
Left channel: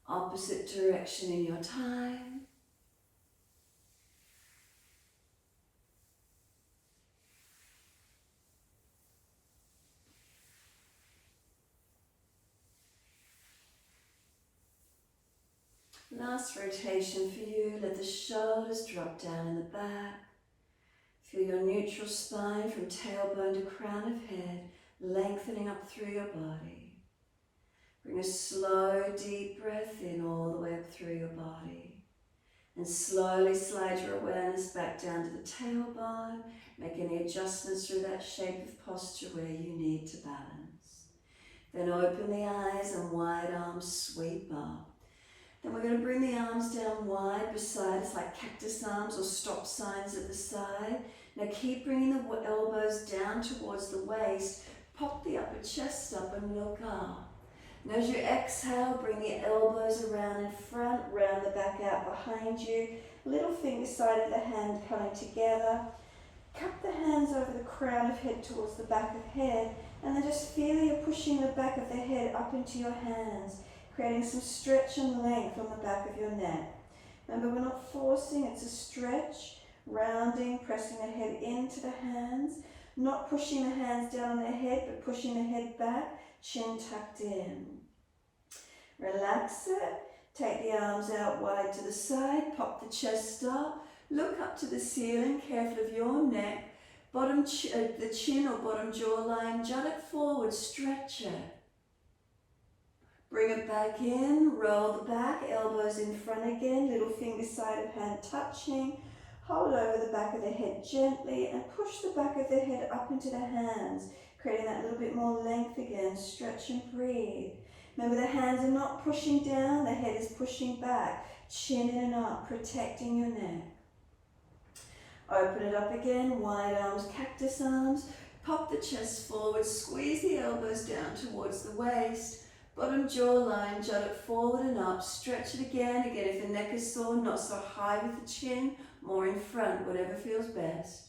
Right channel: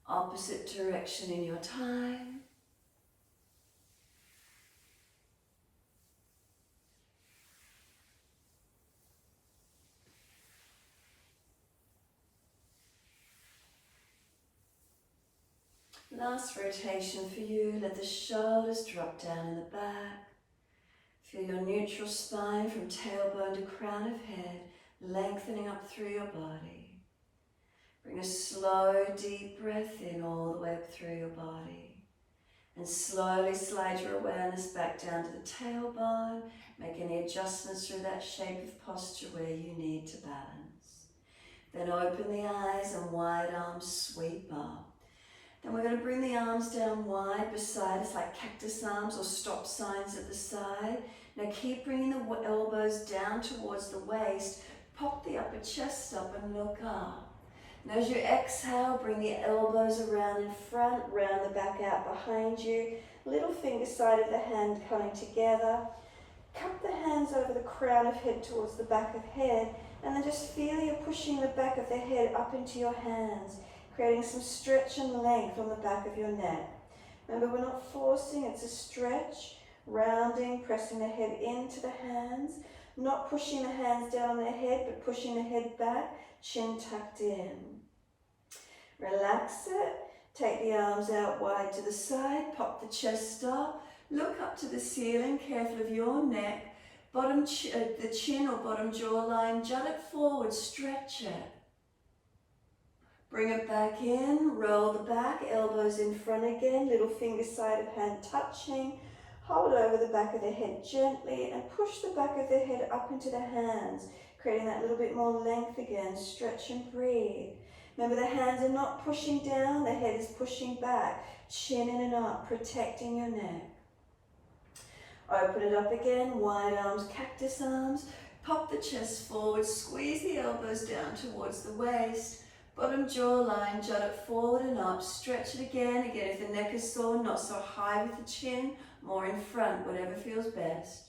Opposite direction in your time. Last rotation for you. Let the shoulders drop down in the back. Feel your neutral spine from tailbone to crown of head, lengthening up through your body. Bring a slow, deep breath in all the way up through your body. And slowly slide your awareness back down to the tailbone. Make any adjustments through that shape of posture where you need to balance. Then open the eyes and wide arms sweep up. Then we're going to bring the arms down wide beside us like cactus arms or stop signs at the side. Now keep bringing the elbows down towards the waist. Pop the upper chest up and look up. And as you exhale, bring the elbows around in front, round the back out behind you. Little finger side of the hand coming together. Cup the hands over the crown of head towards the back of head. And then just feel you're pushing the back of the head up into your hands, creating some stretch and length on the back of your neck. Remember, we're not forcing, it's a stretch, rounding, pressing the head into the hands, not pushing the hands down on the head, but pushing the head back, chin tucked in. Relax it, take the arms out wide to the side, pop the chest up, look up to the ceiling, careful of your neck, the chin or bottom jawline, jut it forward, stretch it. Bring it back in, roll the back, elbows in front again, little finger side of hand touching. Hold over the back of the head gently and push the back of the head up into the hands, creating that little bit more length again. Stretch and breathe. Remember, the hands are not pushing down, the head is pushing back. Chin in and up, protecting your neck. Open it up again, wide arms, cactus arms. Pop the chest forward, squeeze the elbows down towards the waist. Bottom jawline, jut it forward and up, stretch it again. Again, if the neck is sore, not so high with the chin, more in front, whatever feels best.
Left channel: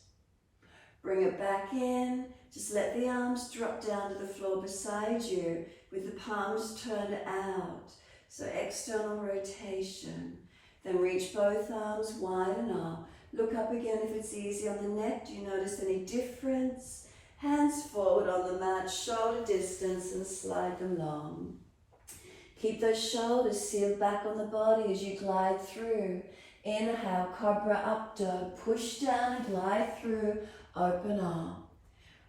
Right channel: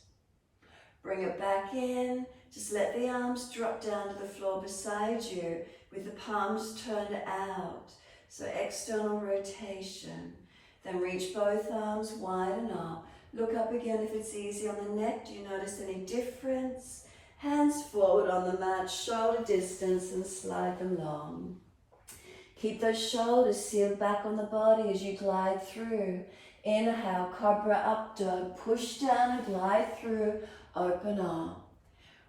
Bring it back in, just let the arms drop down to the floor beside you with the palms turned out. So external rotation. Then reach both arms wide and up. Look up again if it's easy on the neck. Do you notice any difference? Hands forward on the mat, shoulder distance, and slide them long. Keep those shoulders sealed back on the body as you glide through. Inhale, Cobra Up Dog. Push down and glide through, open arm.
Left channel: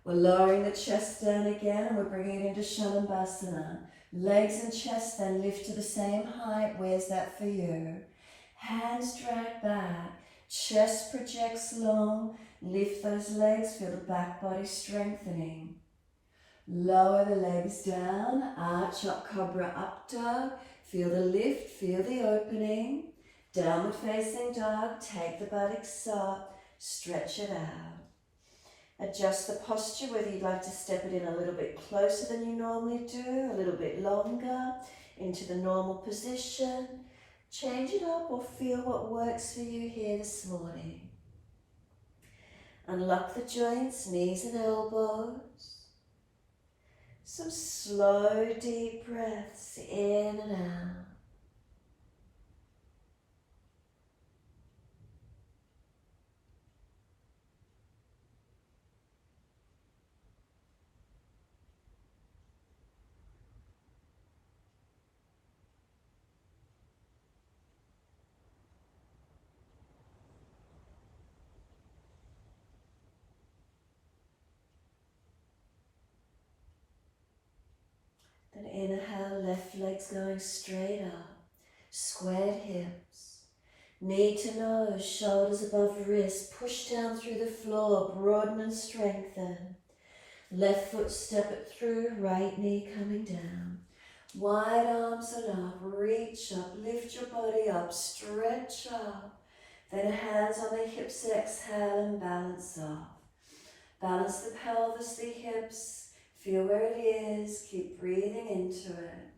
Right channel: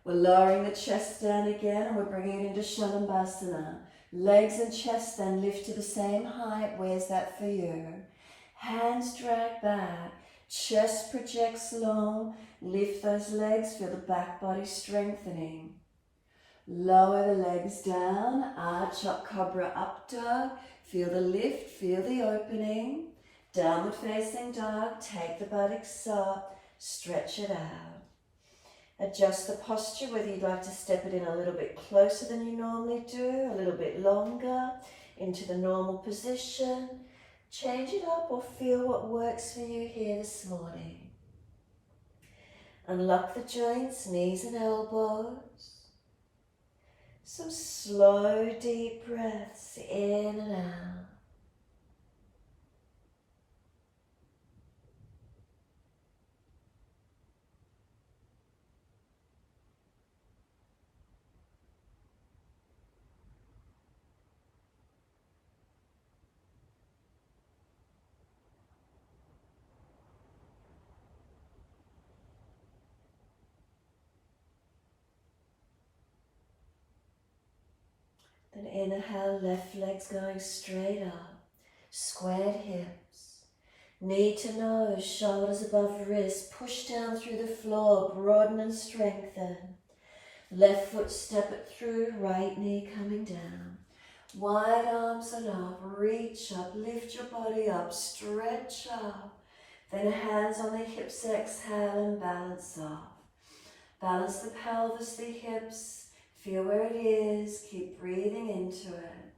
We're lowering the chest down again and we're bringing it into Shalabhasana. Legs and chest then lift to the same height. Where's that for you? Hands drag back. Chest projects long. Lift those legs. Feel the back body strengthening. Lower the legs down. Arch up, Cobra Up Dog. Feel the lift. Feel the opening. Downward facing dog. Take the buttocks up. Stretch it out. Adjust the posture, whether you'd like to step it in a little bit closer than you normally do, a little bit longer, into the normal position. Change it up or feel what works for you here this morning. Unlock the joints, knees and elbows. Some slow, deep breaths in and out. Then inhale, left leg's going straight up, squared hips, knee to nose, shoulders above wrist, push down through the floor, broaden and strengthen. Left foot step it through, right knee coming down. Wide arms and up, reach up, lift your body up, stretch up. Then hands on the hips, exhale and balance off. Balance the pelvis, the hips. Feel where it is, keep breathing into it.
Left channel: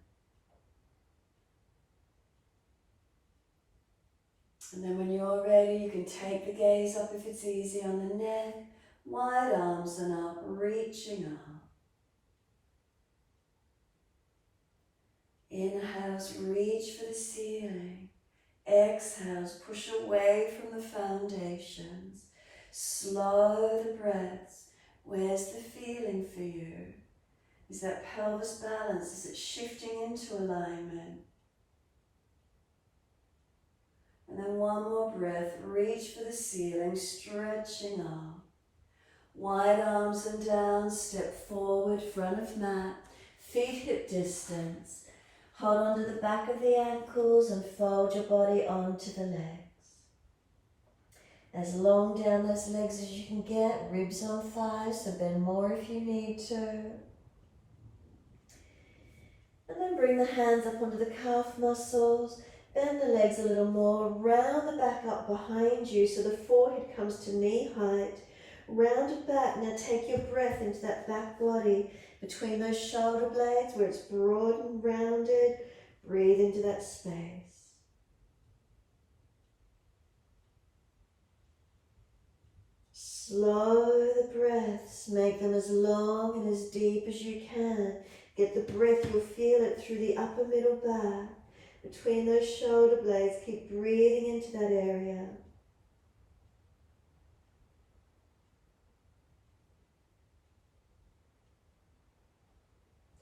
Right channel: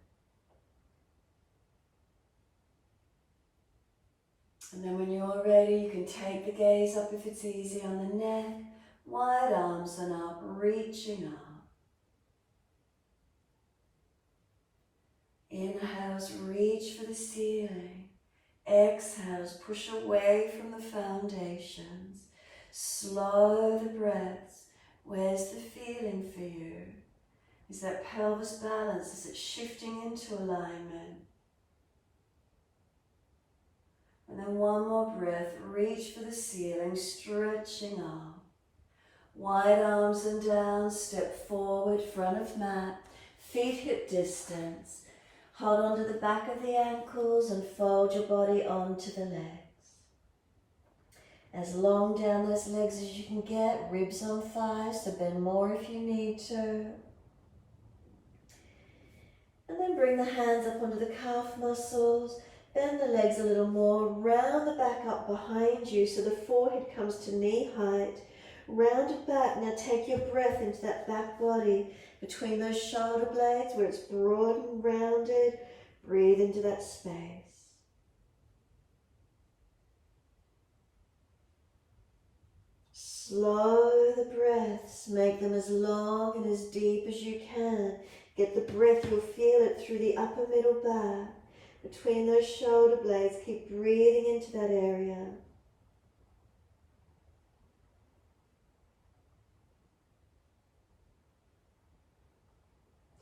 And then when you're ready, you can take the gaze up if it's easy on the neck, wide arms and up, reaching up. Inhales, reach for the ceiling. Exhales, push away from the foundations. Slow the breaths. Where's the feeling for you? Is that pelvis balance? Is it shifting into alignment? And then one more breath. Reach for the ceiling, stretching up. Wide arms and down, step forward, front of mat, feet hip distance. Hold onto the back of the ankles and fold your body onto the legs. As long down those legs as you can get, ribs or thighs, so bend more if you need to. And then bring the hands up onto the calf muscles, bend the legs a little more, round the back up behind you so the forehead comes to knee height. Round it back, now take your breath into that back body between those shoulder blades where it's broad and rounded. Breathe into that space. Slow the breaths, make them as long and as deep as you can. Get the breath, you'll feel it through the upper middle back. Between those shoulder blades, keep breathing into that area.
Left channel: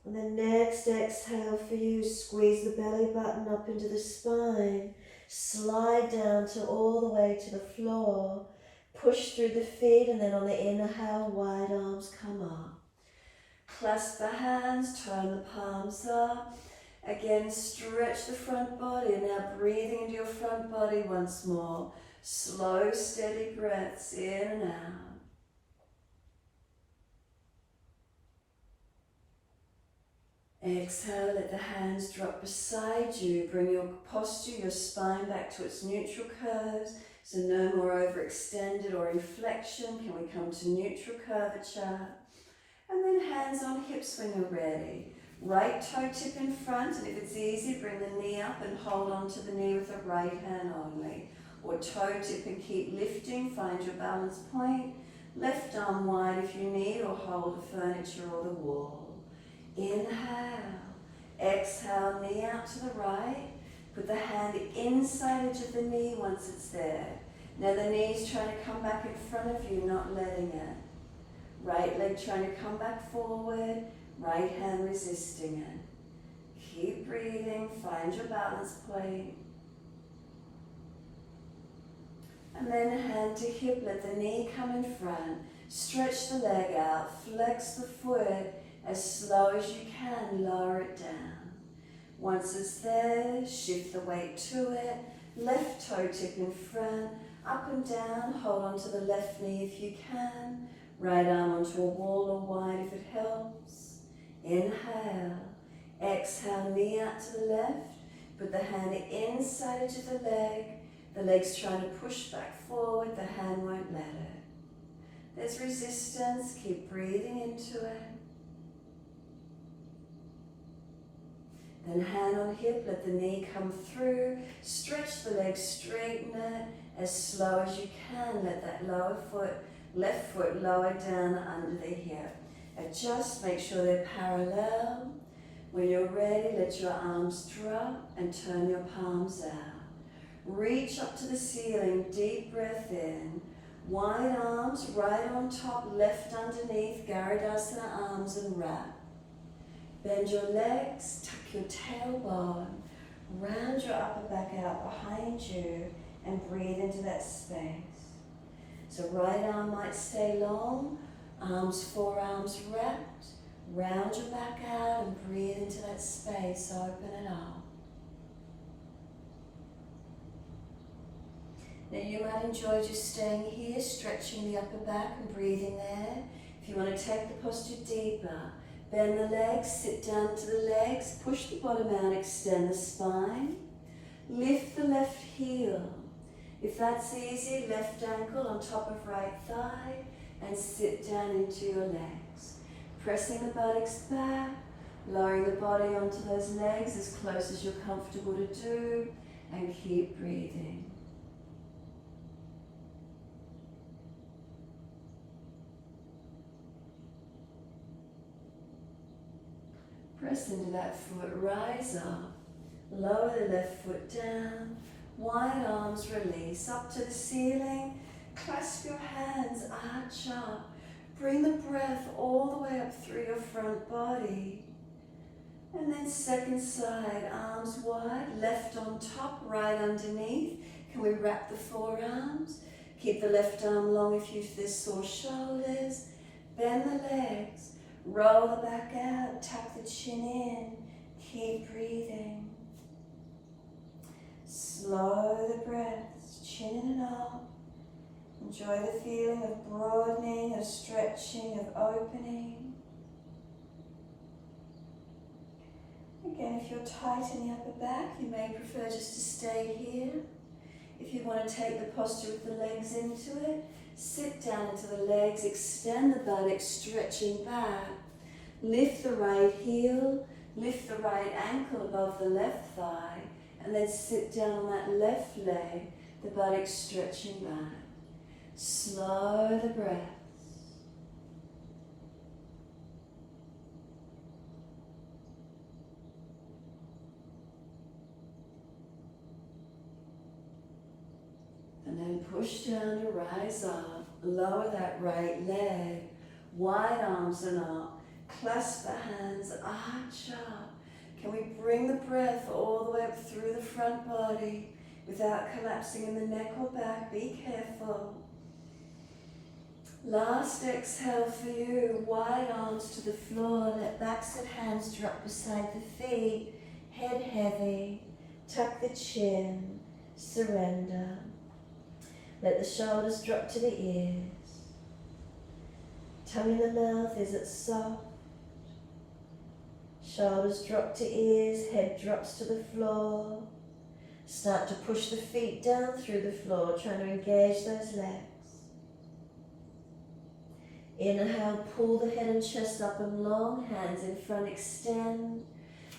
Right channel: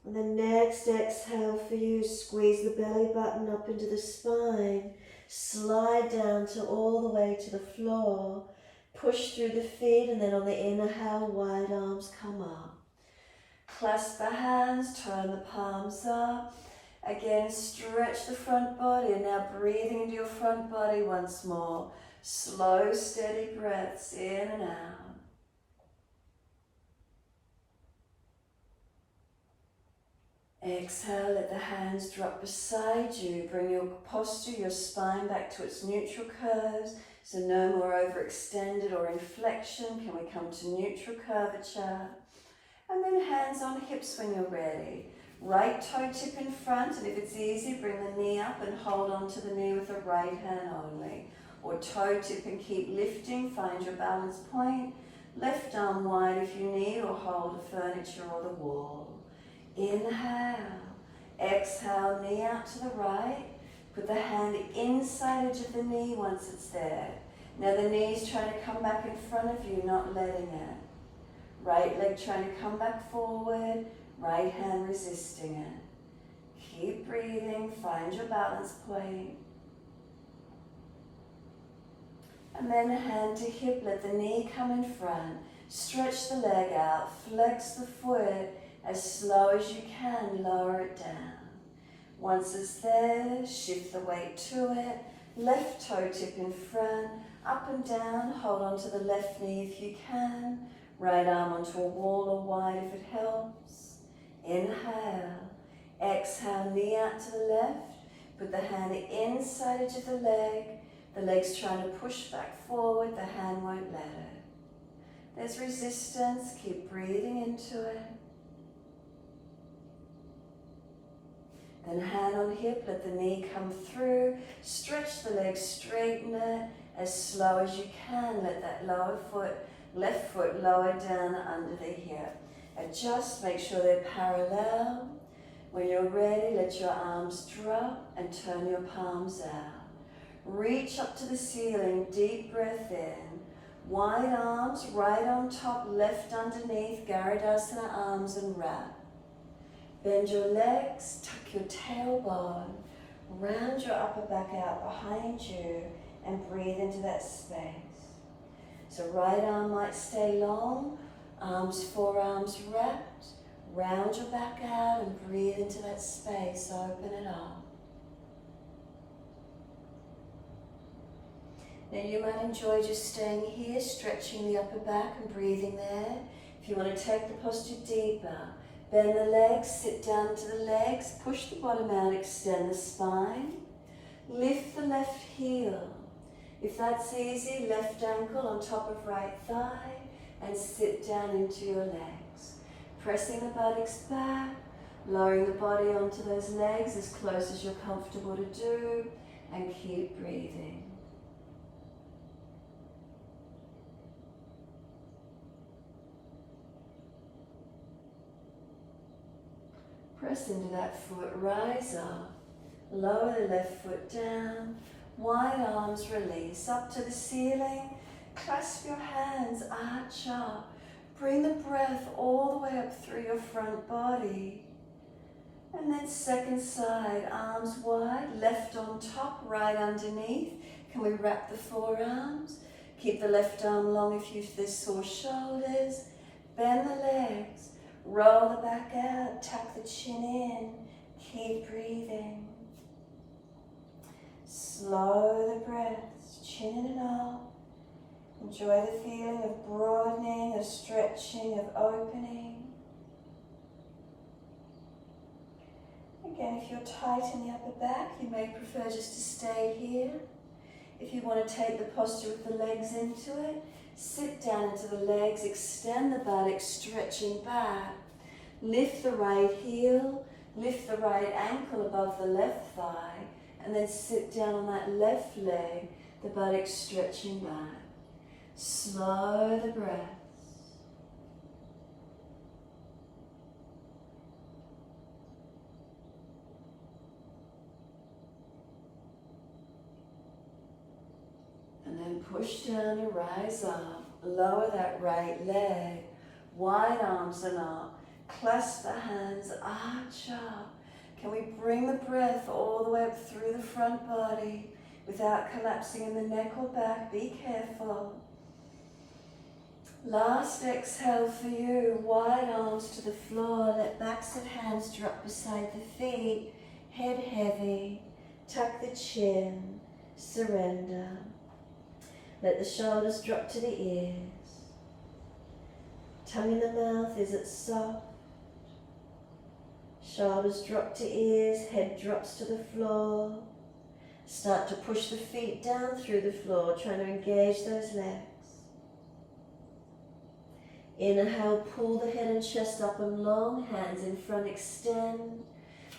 And the next exhale for you, squeeze the belly button up into the spine. Slide down to all the way to the floor. Push through the feet, and then on the inhale, wide arms come up. Clasp the hands, turn the palms up. Again, stretch the front body. Now breathing into your front body once more. Slow, steady breaths in and out. Exhale, let the hands drop beside you. Bring your posture, your spine back to its neutral curves. So no more overextended or inflection. Can we come to neutral curvature? And then hands on hips when you're ready. Right toe tip in front, and if it's easy, bring the knee up and hold on to the knee with the right hand only. Or toe tip and keep lifting, find your balance point. Left arm wide if you need, or hold the furniture or the wall. Inhale. Exhale, knee out to the right. Put the hand inside edge of the knee once it's there. Now the knee's trying to come back in front of you, not letting it. Right leg trying to come back forward, right hand resisting it. Keep breathing, find your balance point. And then hand to hip, let the knee come in front. Stretch the leg out, flex the foot as slow as you can, lower it down. Once it's there, shift the weight to it. Left toe tip in front, up and down, hold on to the left knee if you can. Right arm onto a wall or wide if it helps. Inhale. Exhale, knee out to the left. Put the hand inside edge of the leg. The leg's trying to push back forward, the hand won't let it. There's resistance, keep breathing into it. Then hand on hip, let the knee come through. Stretch the leg, straighten it as slow as you can. Let that lower foot, left foot lower down under the hip. Adjust, make sure they're parallel. When you're ready, let your arms drop and turn your palms out. Reach up to the ceiling, deep breath in. Wide arms, right on top, left underneath, Garudasana arms and wrap. Bend your legs, tuck your tailbone, round your upper back out behind you and breathe into that space. So right arm might stay long, arms, forearms wrapped, round your back out and breathe into that space, open it up. Now you might enjoy just staying here, stretching the upper back and breathing there. If you want to take the posture deeper, bend the legs, sit down to the legs, push the bottom out, extend the spine. Lift the left heel. If that's easy, left ankle on top of right thigh and sit down into your legs. Pressing the buttocks back, lowering the body onto those legs as close as you're comfortable to do, and keep breathing. Press into that foot, rise up, lower the left foot down, wide arms release, up to the ceiling, clasp your hands, arch up, bring the breath all the way up through your front body. And then second side, arms wide, left on top, right underneath. Can we wrap the forearms? Keep the left arm long if there's sore shoulders. Bend the legs. Roll the back out, tuck the chin in, keep breathing. Slow the breaths, chin it up. Enjoy the feeling of broadening, of stretching, of opening. Again, if you're tight in the upper back, you may prefer just to stay here. If you want to take the posture with the legs into it, sit down into the legs, extend the buttocks, stretching back. Lift the right heel, lift the right ankle above the left thigh, and then sit down on that left leg, the buttocks stretching back. Slow the breaths. And then push down to rise up. Lower that right leg. Wide arms and up. Clasp the hands, arch up. Can we bring the breath all the way up through the front body without collapsing in the neck or back? Be careful. Last exhale for you. Wide arms to the floor. Let backs of hands drop beside the feet. Head heavy. Tuck the chin. Surrender. Let the shoulders drop to the ears. Tongue in the mouth, is it soft? Shoulders drop to ears, head drops to the floor. Start to push the feet down through the floor, trying to engage those legs. Inhale, pull the head and chest up and long, hands in front, extend.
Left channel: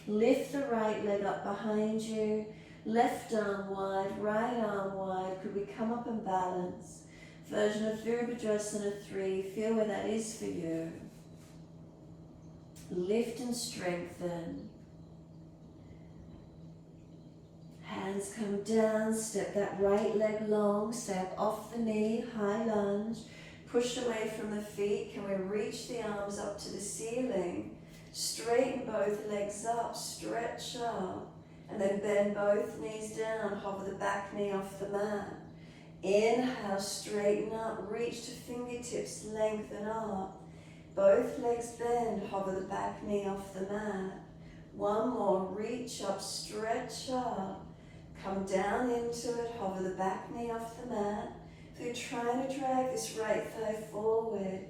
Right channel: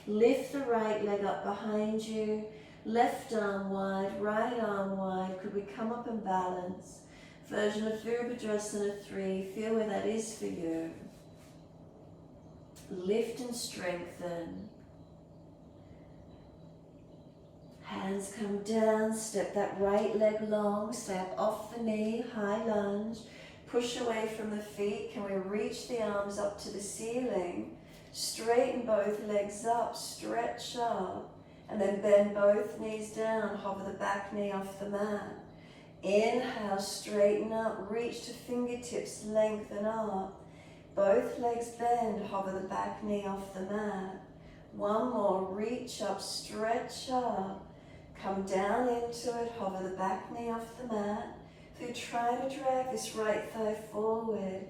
Lift the right leg up behind you. Left arm wide, right arm wide. Could we come up and balance? Version of Virabhadrasana 3. Feel where that is for you. Lift and strengthen. Hands come down, step that right leg long, step off the knee, high lunge. Push away from the feet. Can we reach the arms up to the ceiling? Straighten both legs up, stretch up. And then bend both knees down, hover the back knee off the mat. Inhale, straighten up, reach to fingertips, lengthen up. Both legs bend, hover the back knee off the mat. One more, reach up, stretch up. Come down into it, hover the back knee off the mat. If you're trying to drag this right thigh forward,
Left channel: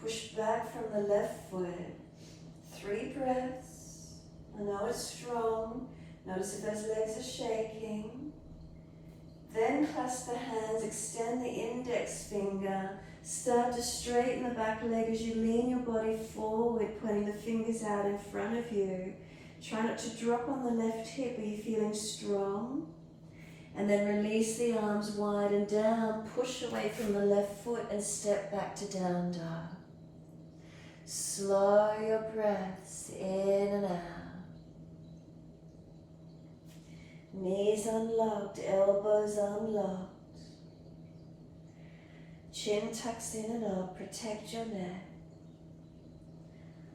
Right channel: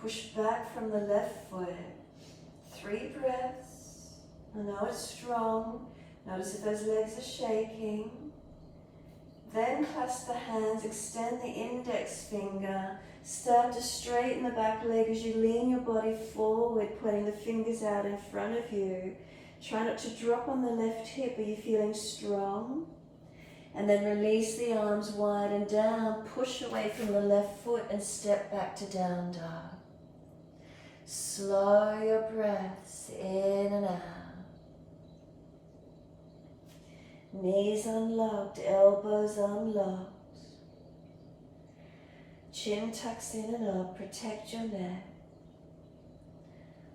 push back from the left foot. 3 breaths. I know it's strong. Notice if those legs are shaking. Then clasp the hands, extend the index finger. Start to straighten the back leg as you lean your body forward, pointing the fingers out in front of you. Try not to drop on the left hip. Are you feeling strong? And then release the arms wide and down. Push away from the left foot and step back to down dog. Slow your breaths in and out. Knees unlocked, elbows unlocked. Chin tucks in and up, protect your neck.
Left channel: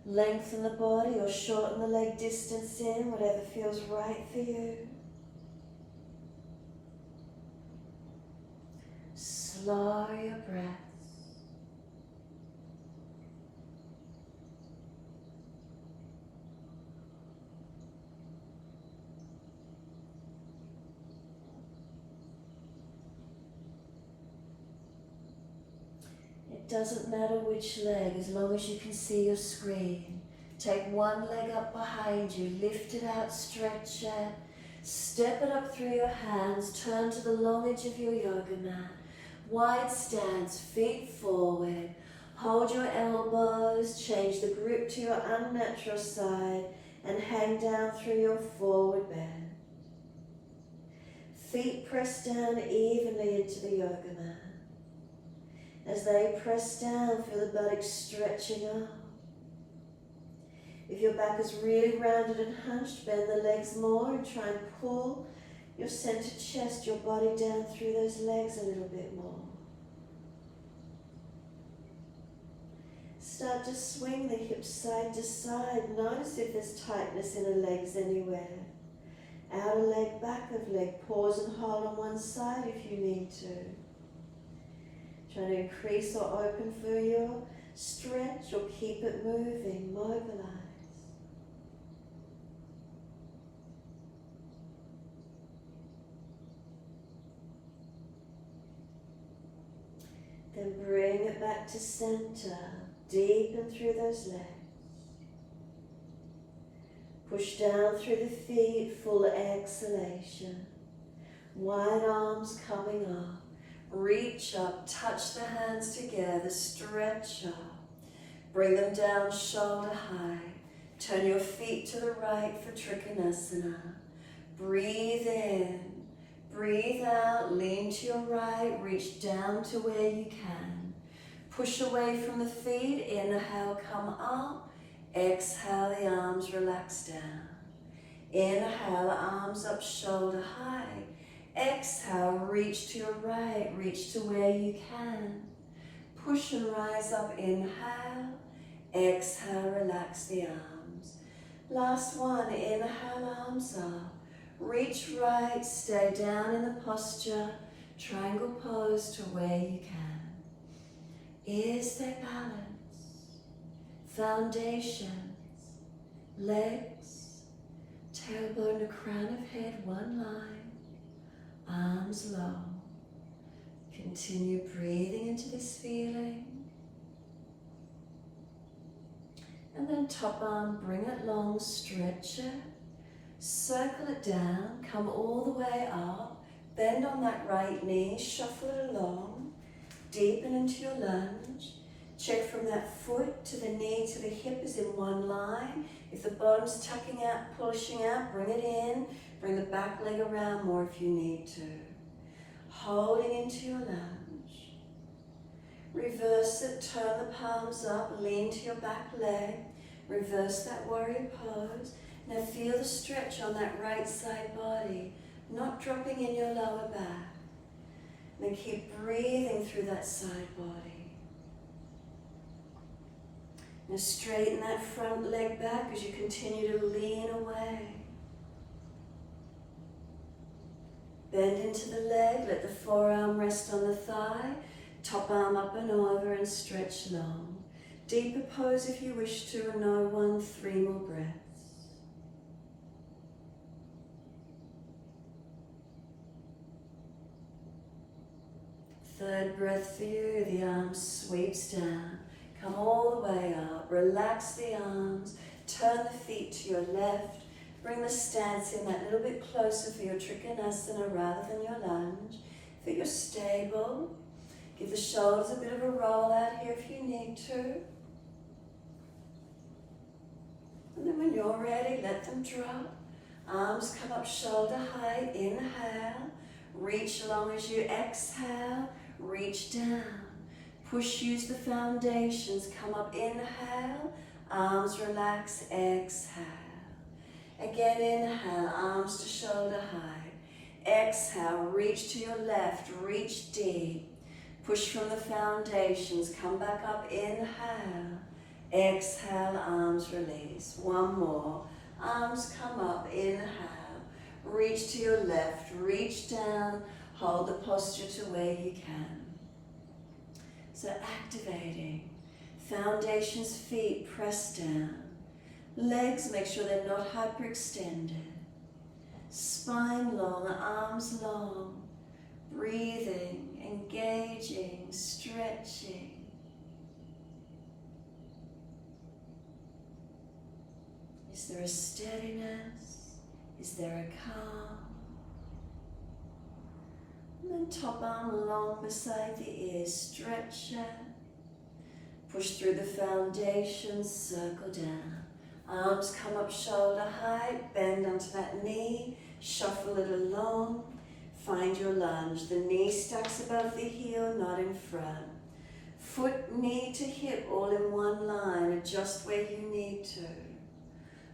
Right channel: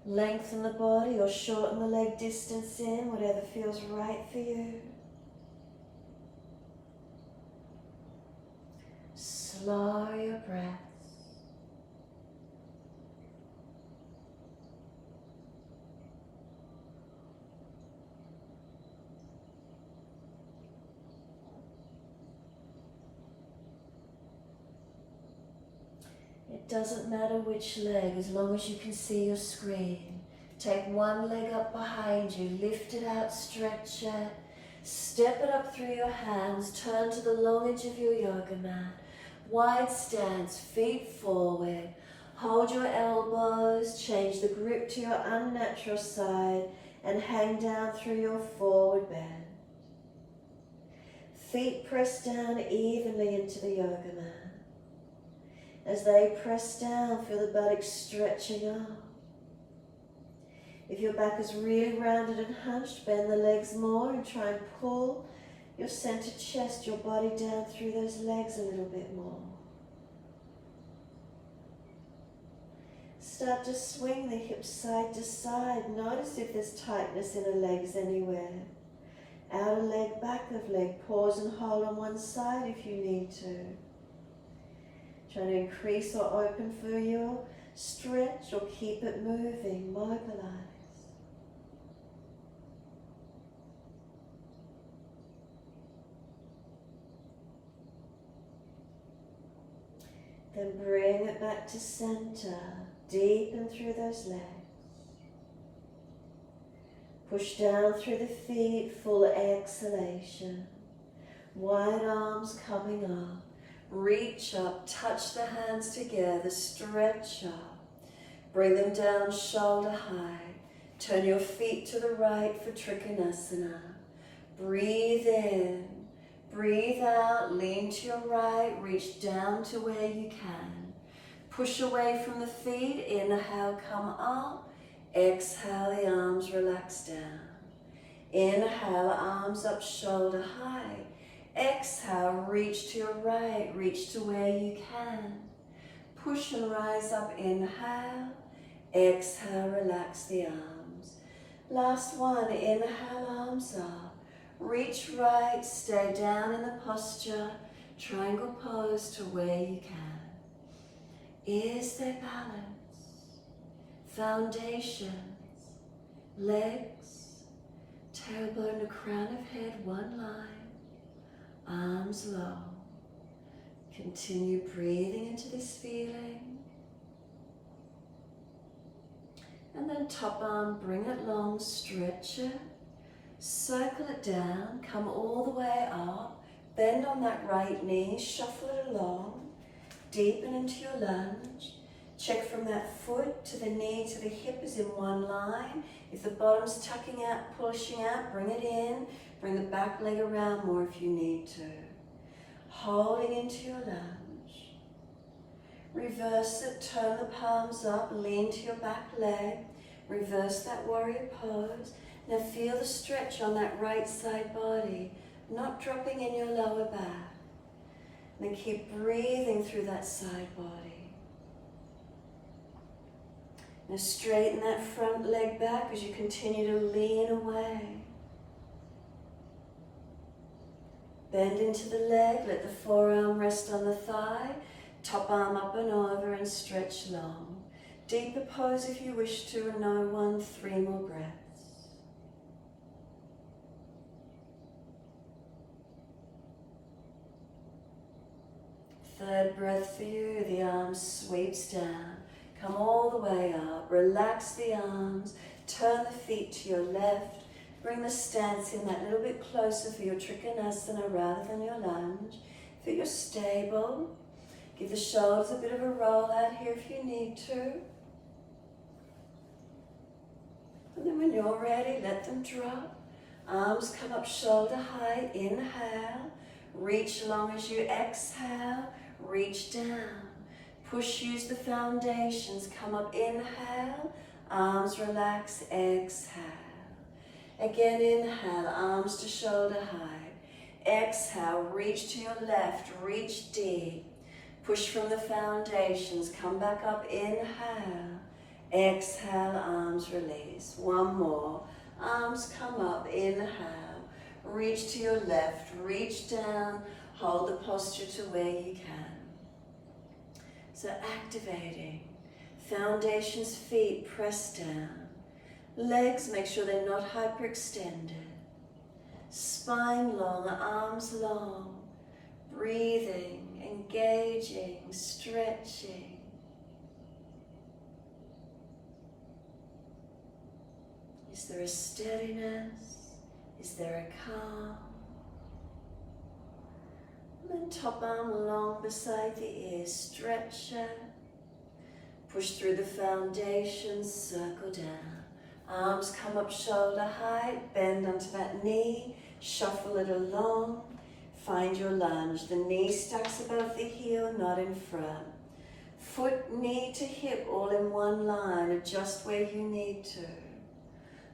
Lengthen the body or shorten the leg distance in, whatever feels right for you. Slow your breath. It doesn't matter which leg, as long as you can see your screen. Take one leg up behind you, lift it out, stretch it. Step it up through your hands, turn to the long edge of your yoga mat. Wide stance, feet forward. Hold your elbows, change the grip to your unnatural side and hang down through your forward bend. Feet press down evenly into the yoga mat. As they press down, feel the buttocks stretching up. If your back is really rounded and hunched, bend the legs more and try and pull your center chest, your body down through those legs a little bit more. Start to swing the hips side to side. Notice if there's tightness in the legs anywhere. Outer leg, back of leg. Pause and hold on one side if you need to. Try to increase or open for your stretch or keep it moving, mobilize. Then bring it back to center, deepen through those legs. Push down through the feet, full exhalation. Wide arms coming up. Reach up, touch the hands together, stretch up. Bring them down shoulder high. Turn your feet to the right for Trikonasana. Breathe in, breathe out, lean to your right, reach down to where you can. Push away from the feet, inhale, come up. Exhale, the arms relax down. Inhale, arms up, shoulder high. Exhale, reach to your right, reach to where you can. Push and rise up, inhale. Exhale, relax the arms. Last one, inhale, arms up. Reach right, stay down in the posture. Triangle pose to where you can. Is there balance? Foundations, legs, tailbone to crown of head, one line. Arms low. Continue breathing into this feeling. And then top arm, bring it long, stretch it. Circle it down, come all the way up. Bend on that right knee, shuffle it along. Deepen into your lunge. Check from that foot to the knee to the hip is in one line. If the bottom's tucking out, pushing out, bring it in. Bring the back leg around more if you need to. Holding into your lunge. Reverse it, turn the palms up, lean to your back leg. Reverse that warrior pose. Now feel the stretch on that right side body, not dropping in your lower back. And then keep breathing through that side body. Now straighten that front leg back as you continue to lean away. Bend into the leg, let the forearm rest on the thigh, top arm up and over and stretch long. Deeper pose if you wish to, and no 1, 3 more breaths. Third breath for you, the arm sweeps down. Come all the way up, relax the arms, turn the feet to your left, bring the stance in that little bit closer for your Trikonasana rather than your lunge. Feel you're stable. Give the shoulders a bit of a roll out here if you need to. And then when you're ready, let them drop. Arms come up shoulder height, inhale. Reach long as you exhale, reach down. Push, use the foundations, come up, inhale. Arms relax, exhale. Again, inhale, arms to shoulder height. Exhale, reach to your left, reach deep. Push from the foundations, come back up, inhale. Exhale, arms release. One more. Arms come up, inhale. Reach to your left, reach down. Hold the posture to where you can. So activating. Foundations, feet press down. Legs, make sure they're not hyperextended. Spine long, arms long. Breathing, engaging, stretching. Is there a steadiness? Is there a calm? And then top arm along beside the ears, stretch it. Push through the foundation, circle down. Arms come up shoulder height, bend onto that knee, shuffle it along. Find your lunge. The knee stacks above the heel, not in front. Foot, knee to hip, all in one line. Adjust where you need to.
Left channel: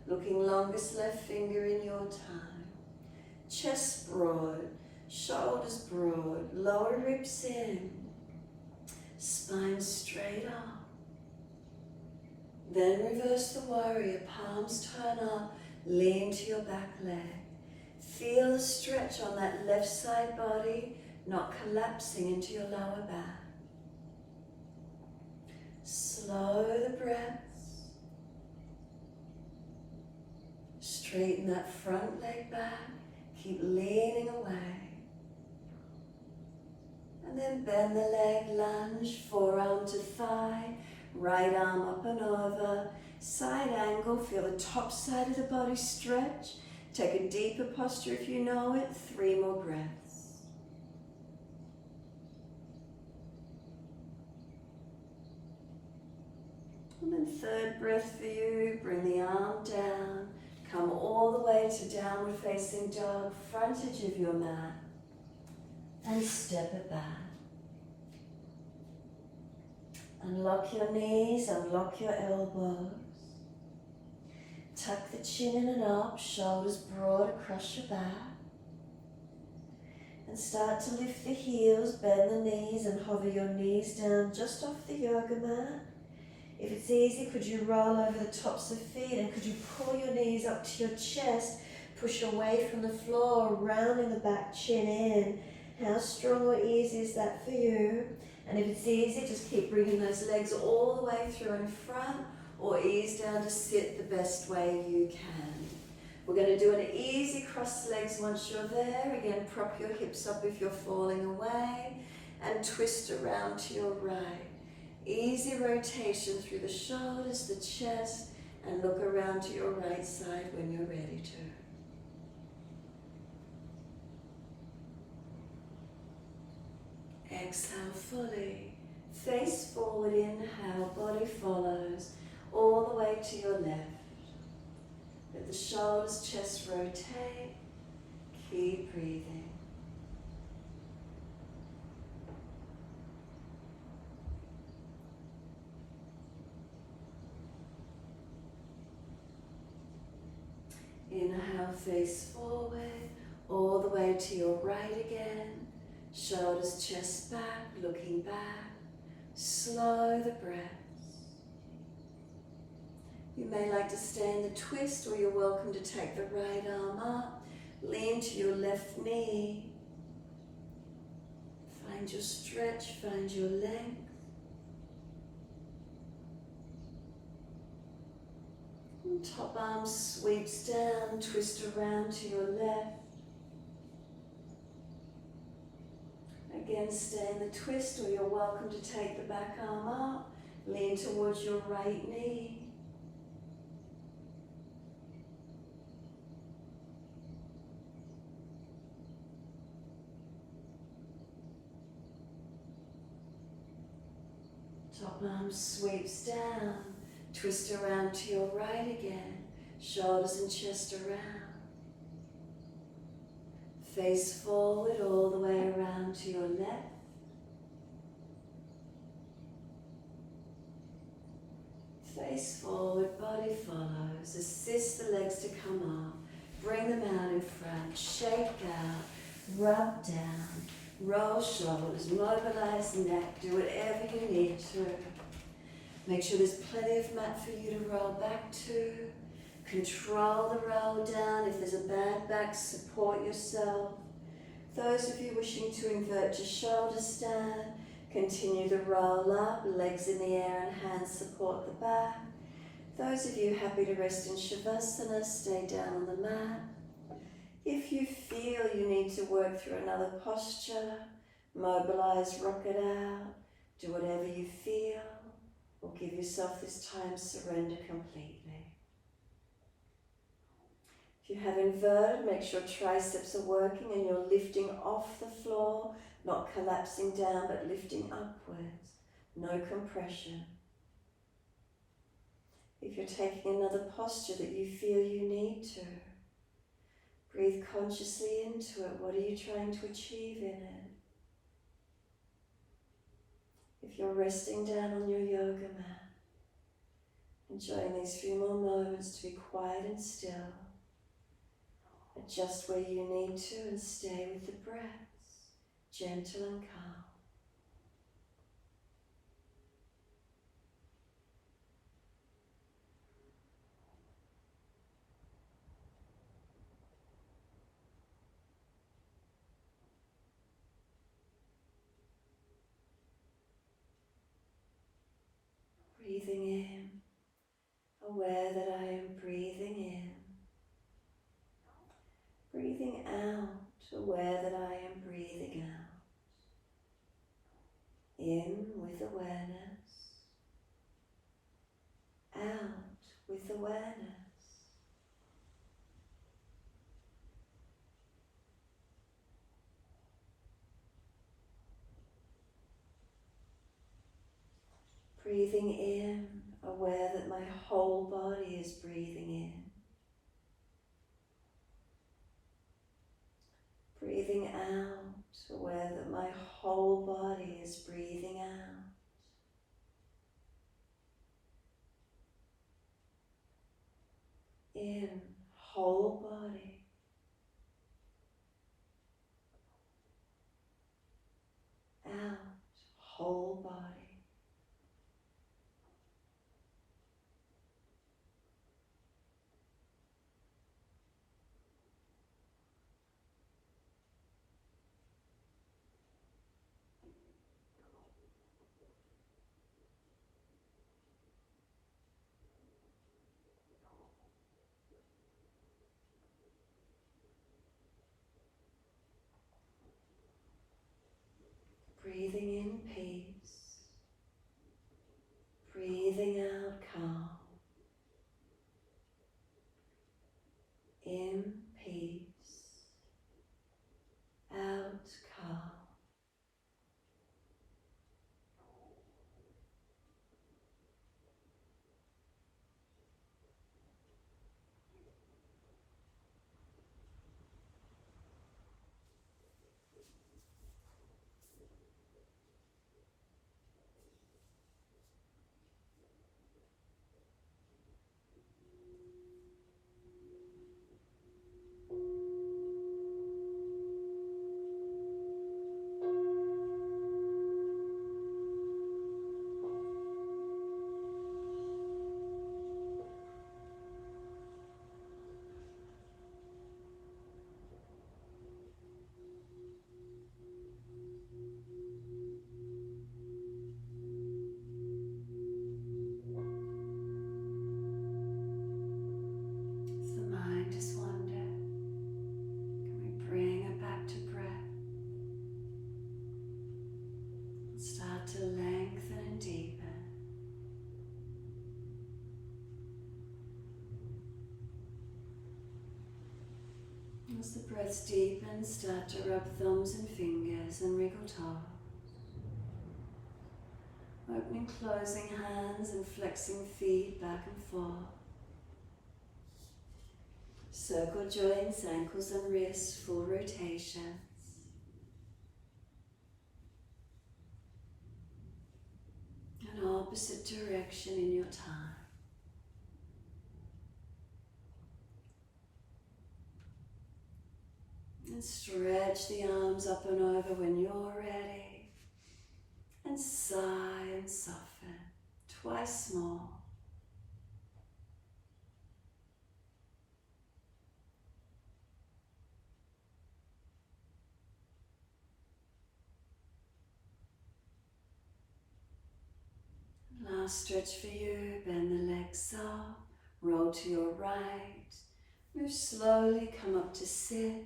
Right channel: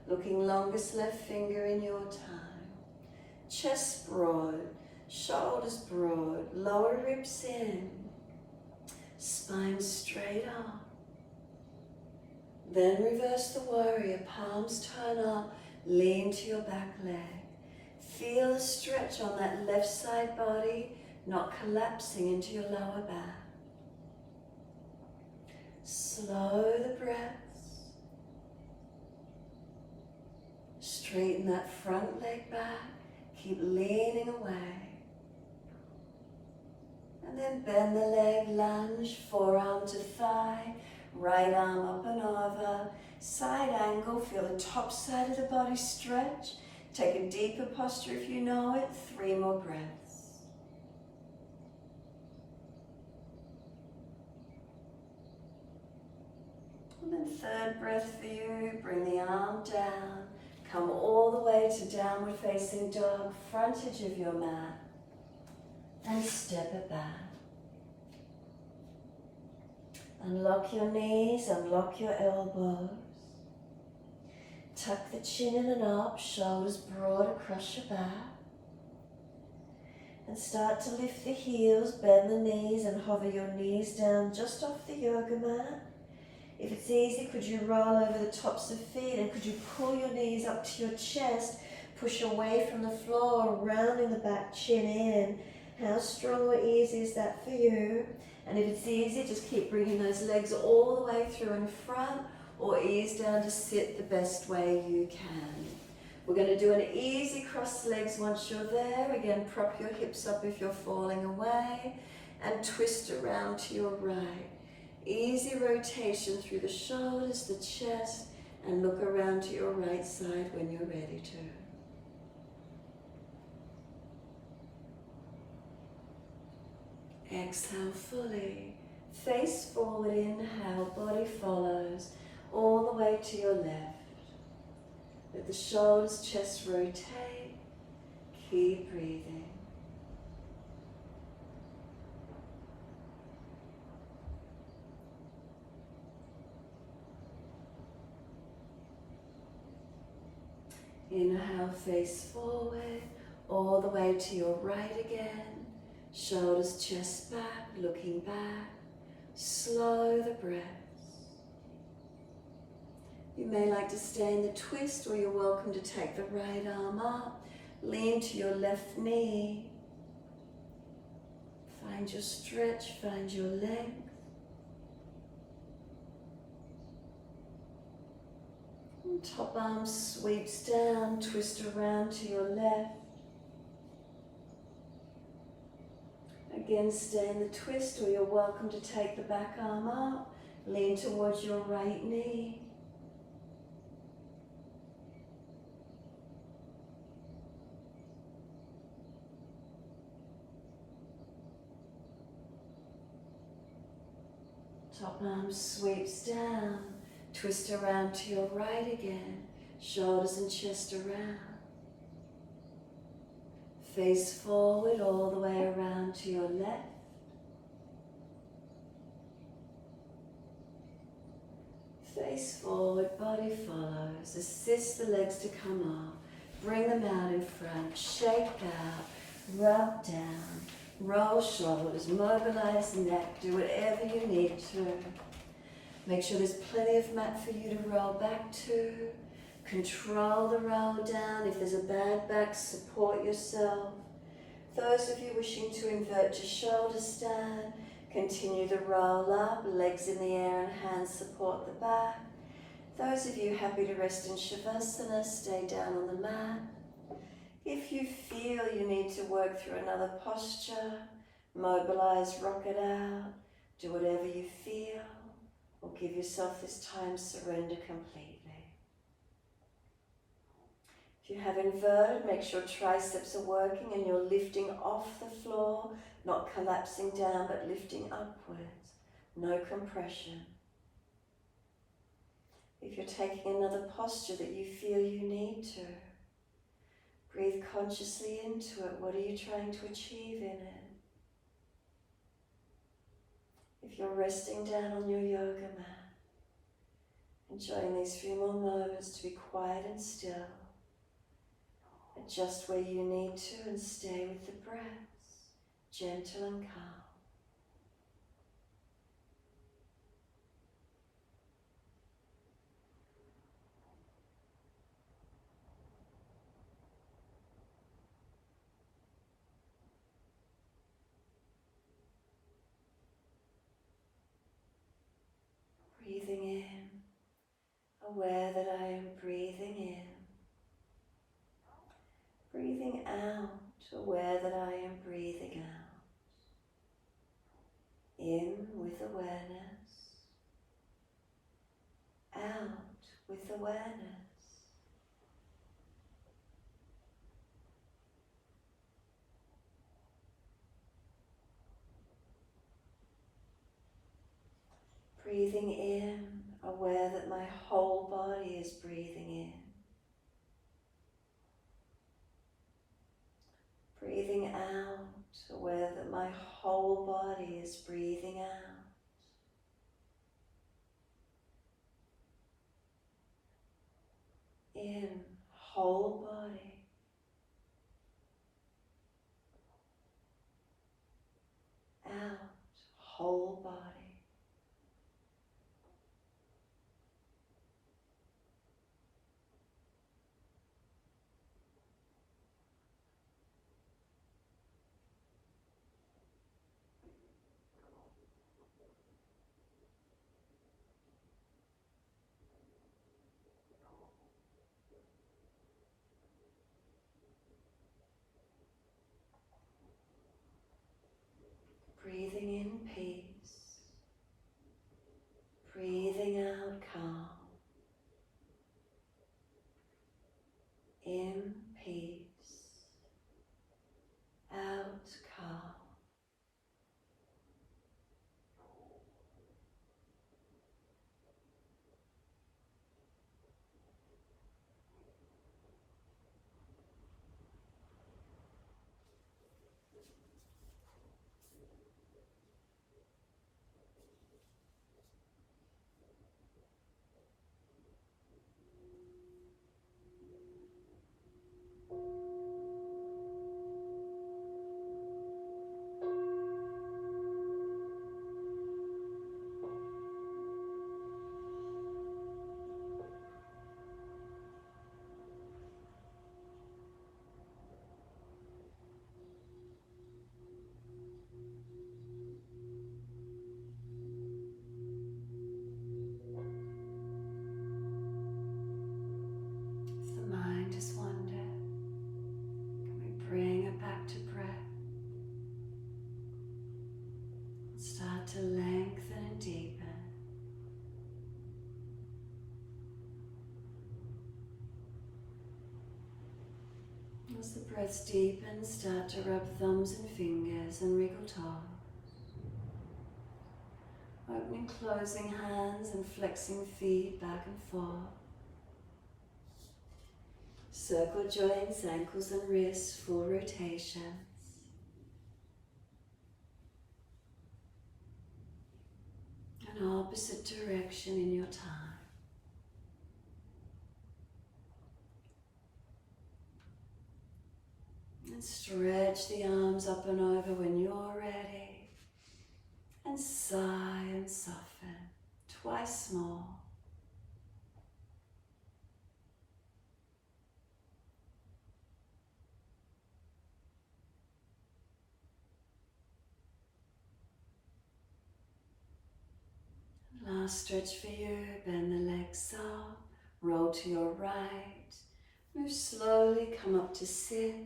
Looking longest left finger in your time. Chest broad, shoulders broad, lower ribs in. Spine straight up. Then reverse the warrior, palms turn up, lean to your back leg. Feel the stretch on that left side body, not collapsing into your lower back. Slow the breaths. Straighten that front leg back, keep leaning away. And then bend the leg, lunge, forearm to thigh, right arm up and over, side angle, feel the top side of the body stretch. Take a deeper posture if you know it, 3 more breaths. And then third breath for you, bring the arm down, come all the way to downward facing dog, frontage of your mat, and step it back. Unlock your knees, unlock your elbows. Tuck the chin in and up, shoulders broad across your back. And start to lift the heels, bend the knees and hover your knees down just off the yoga mat. If it's easy, could you roll over the tops of feet and could you pull your knees up to your chest, push away from the floor, rounding the back chin in. How strong or easy is that for you? And if it's easy, just keep bringing those legs all the way through in front or ease down to sit the best way you can. We're going to do an easy cross legs once you're there. Again, prop your hips up if you're falling away and twist around to your right. Easy rotation through the shoulders, the chest, and look around to your right side when you're ready to. Exhale fully, face forward, inhale, body follows, all the way to your left. Let the shoulders, chest rotate, keep breathing. Inhale, face forward, all the way to your right again. Shoulders, chest back, looking back. Slow the breaths. You may like to stay in the twist or you're welcome to take the right arm up. Lean to your left knee. Find your stretch, find your length. And top arm sweeps down, twist around to your left. Again, stay in the twist, or you're welcome to take the back arm up, lean towards your right knee. Top arm sweeps down, twist around to your right again, shoulders and chest around. Face forward all the way around to your left. Face forward, body follows. Assist the legs to come up. Bring them out in front. Shake out, rub down, roll shoulders, mobilize neck. Do whatever you need to. Make sure there's plenty of mat for you to roll back to. Control the roll down. If there's a bad back, support yourself. Those of you wishing to invert to shoulder stand, continue the roll up, legs in the air and hands support the back. Those of you happy to rest in Shavasana, stay down on the mat. If you feel you need to work through another posture, mobilize, rock it out, do whatever you feel, or give yourself this time, surrender completely. If you have inverted, make sure triceps are working and you're lifting off the floor, not collapsing down, but lifting upwards. No compression. If you're taking another posture that you feel you need to, breathe consciously into it. What are you trying to achieve in it? If you're resting down on your yoga mat, enjoying these few more moments to be quiet and still, adjust where you need to and stay with the breaths, gentle and calm. Breathing in, aware that I am breathing in. Breathing out, aware that I am breathing out. In with awareness, out with awareness. Breathing in, aware that my whole body is breathing in. Breathing out, aware that my whole body is breathing out. In, whole body. Out, whole body. Breathing in peace, breathing out calm. In peace, out calm. As the breaths deepen, start to rub thumbs and fingers and wriggle toes. Opening, closing hands and flexing feet back and forth. Circle joints, ankles and wrists, full rotations. An opposite direction in your time. And stretch the arms up and over when you're ready. And sigh and soften, twice more. Last stretch for you, bend the legs up, roll to your right, move slowly, come up to sit.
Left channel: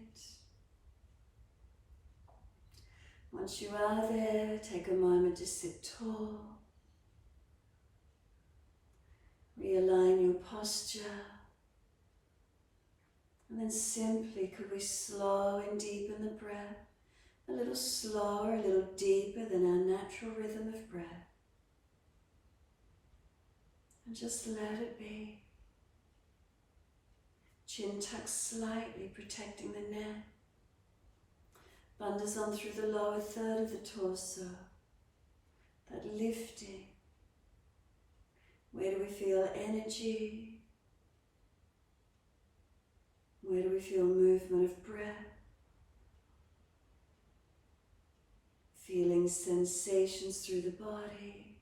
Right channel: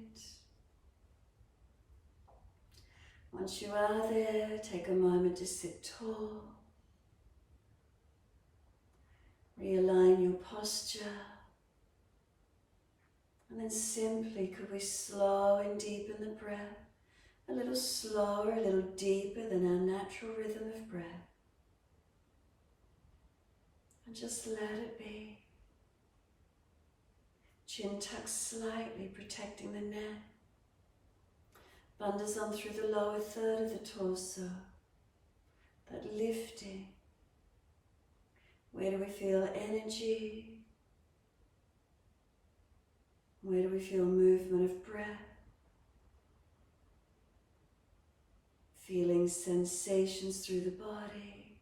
Once you are there, take a moment to sit tall. Realign your posture. And then simply, could we slow and deepen the breath? A little slower, a little deeper than our natural rhythm of breath. And just let it be. Chin tucked slightly, protecting the neck. Bandhas on through the lower third of the torso. That lifting. Where do we feel energy? Where do we feel movement of breath? Feeling sensations through the body.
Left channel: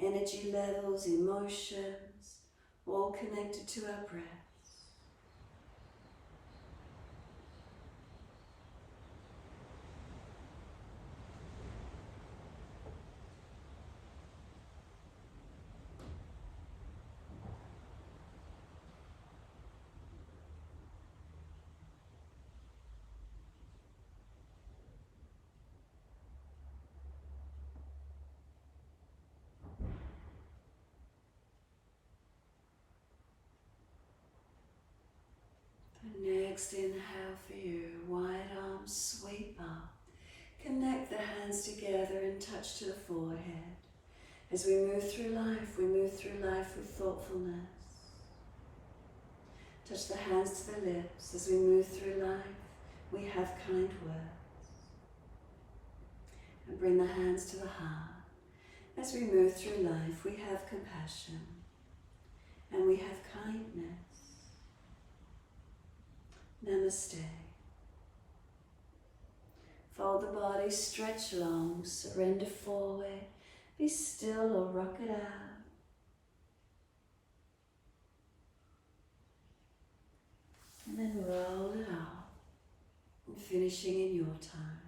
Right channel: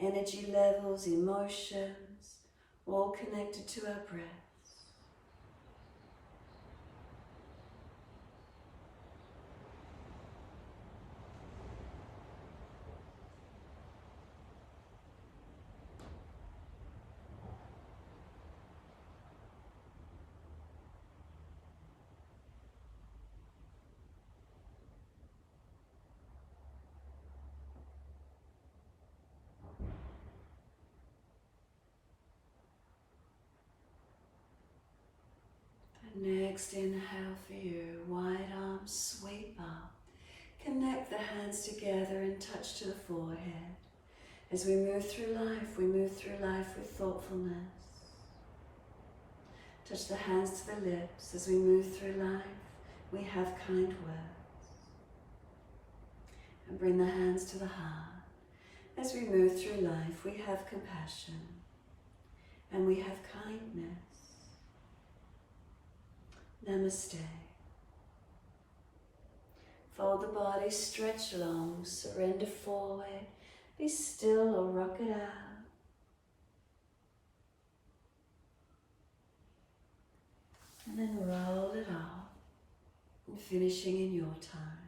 Energy levels, emotions, all connected to our breath. Next inhale for you, wide arms sweep up. Connect the hands together and touch to the forehead. As we move through life with thoughtfulness. Touch the hands to the lips. As we move through life, we have kind words. And bring the hands to the heart. As we move through life, we have compassion. And we have kindness. Namaste. Fold the body, stretch long, surrender forward, be still or rock it out. And then roll it up, finishing in your time.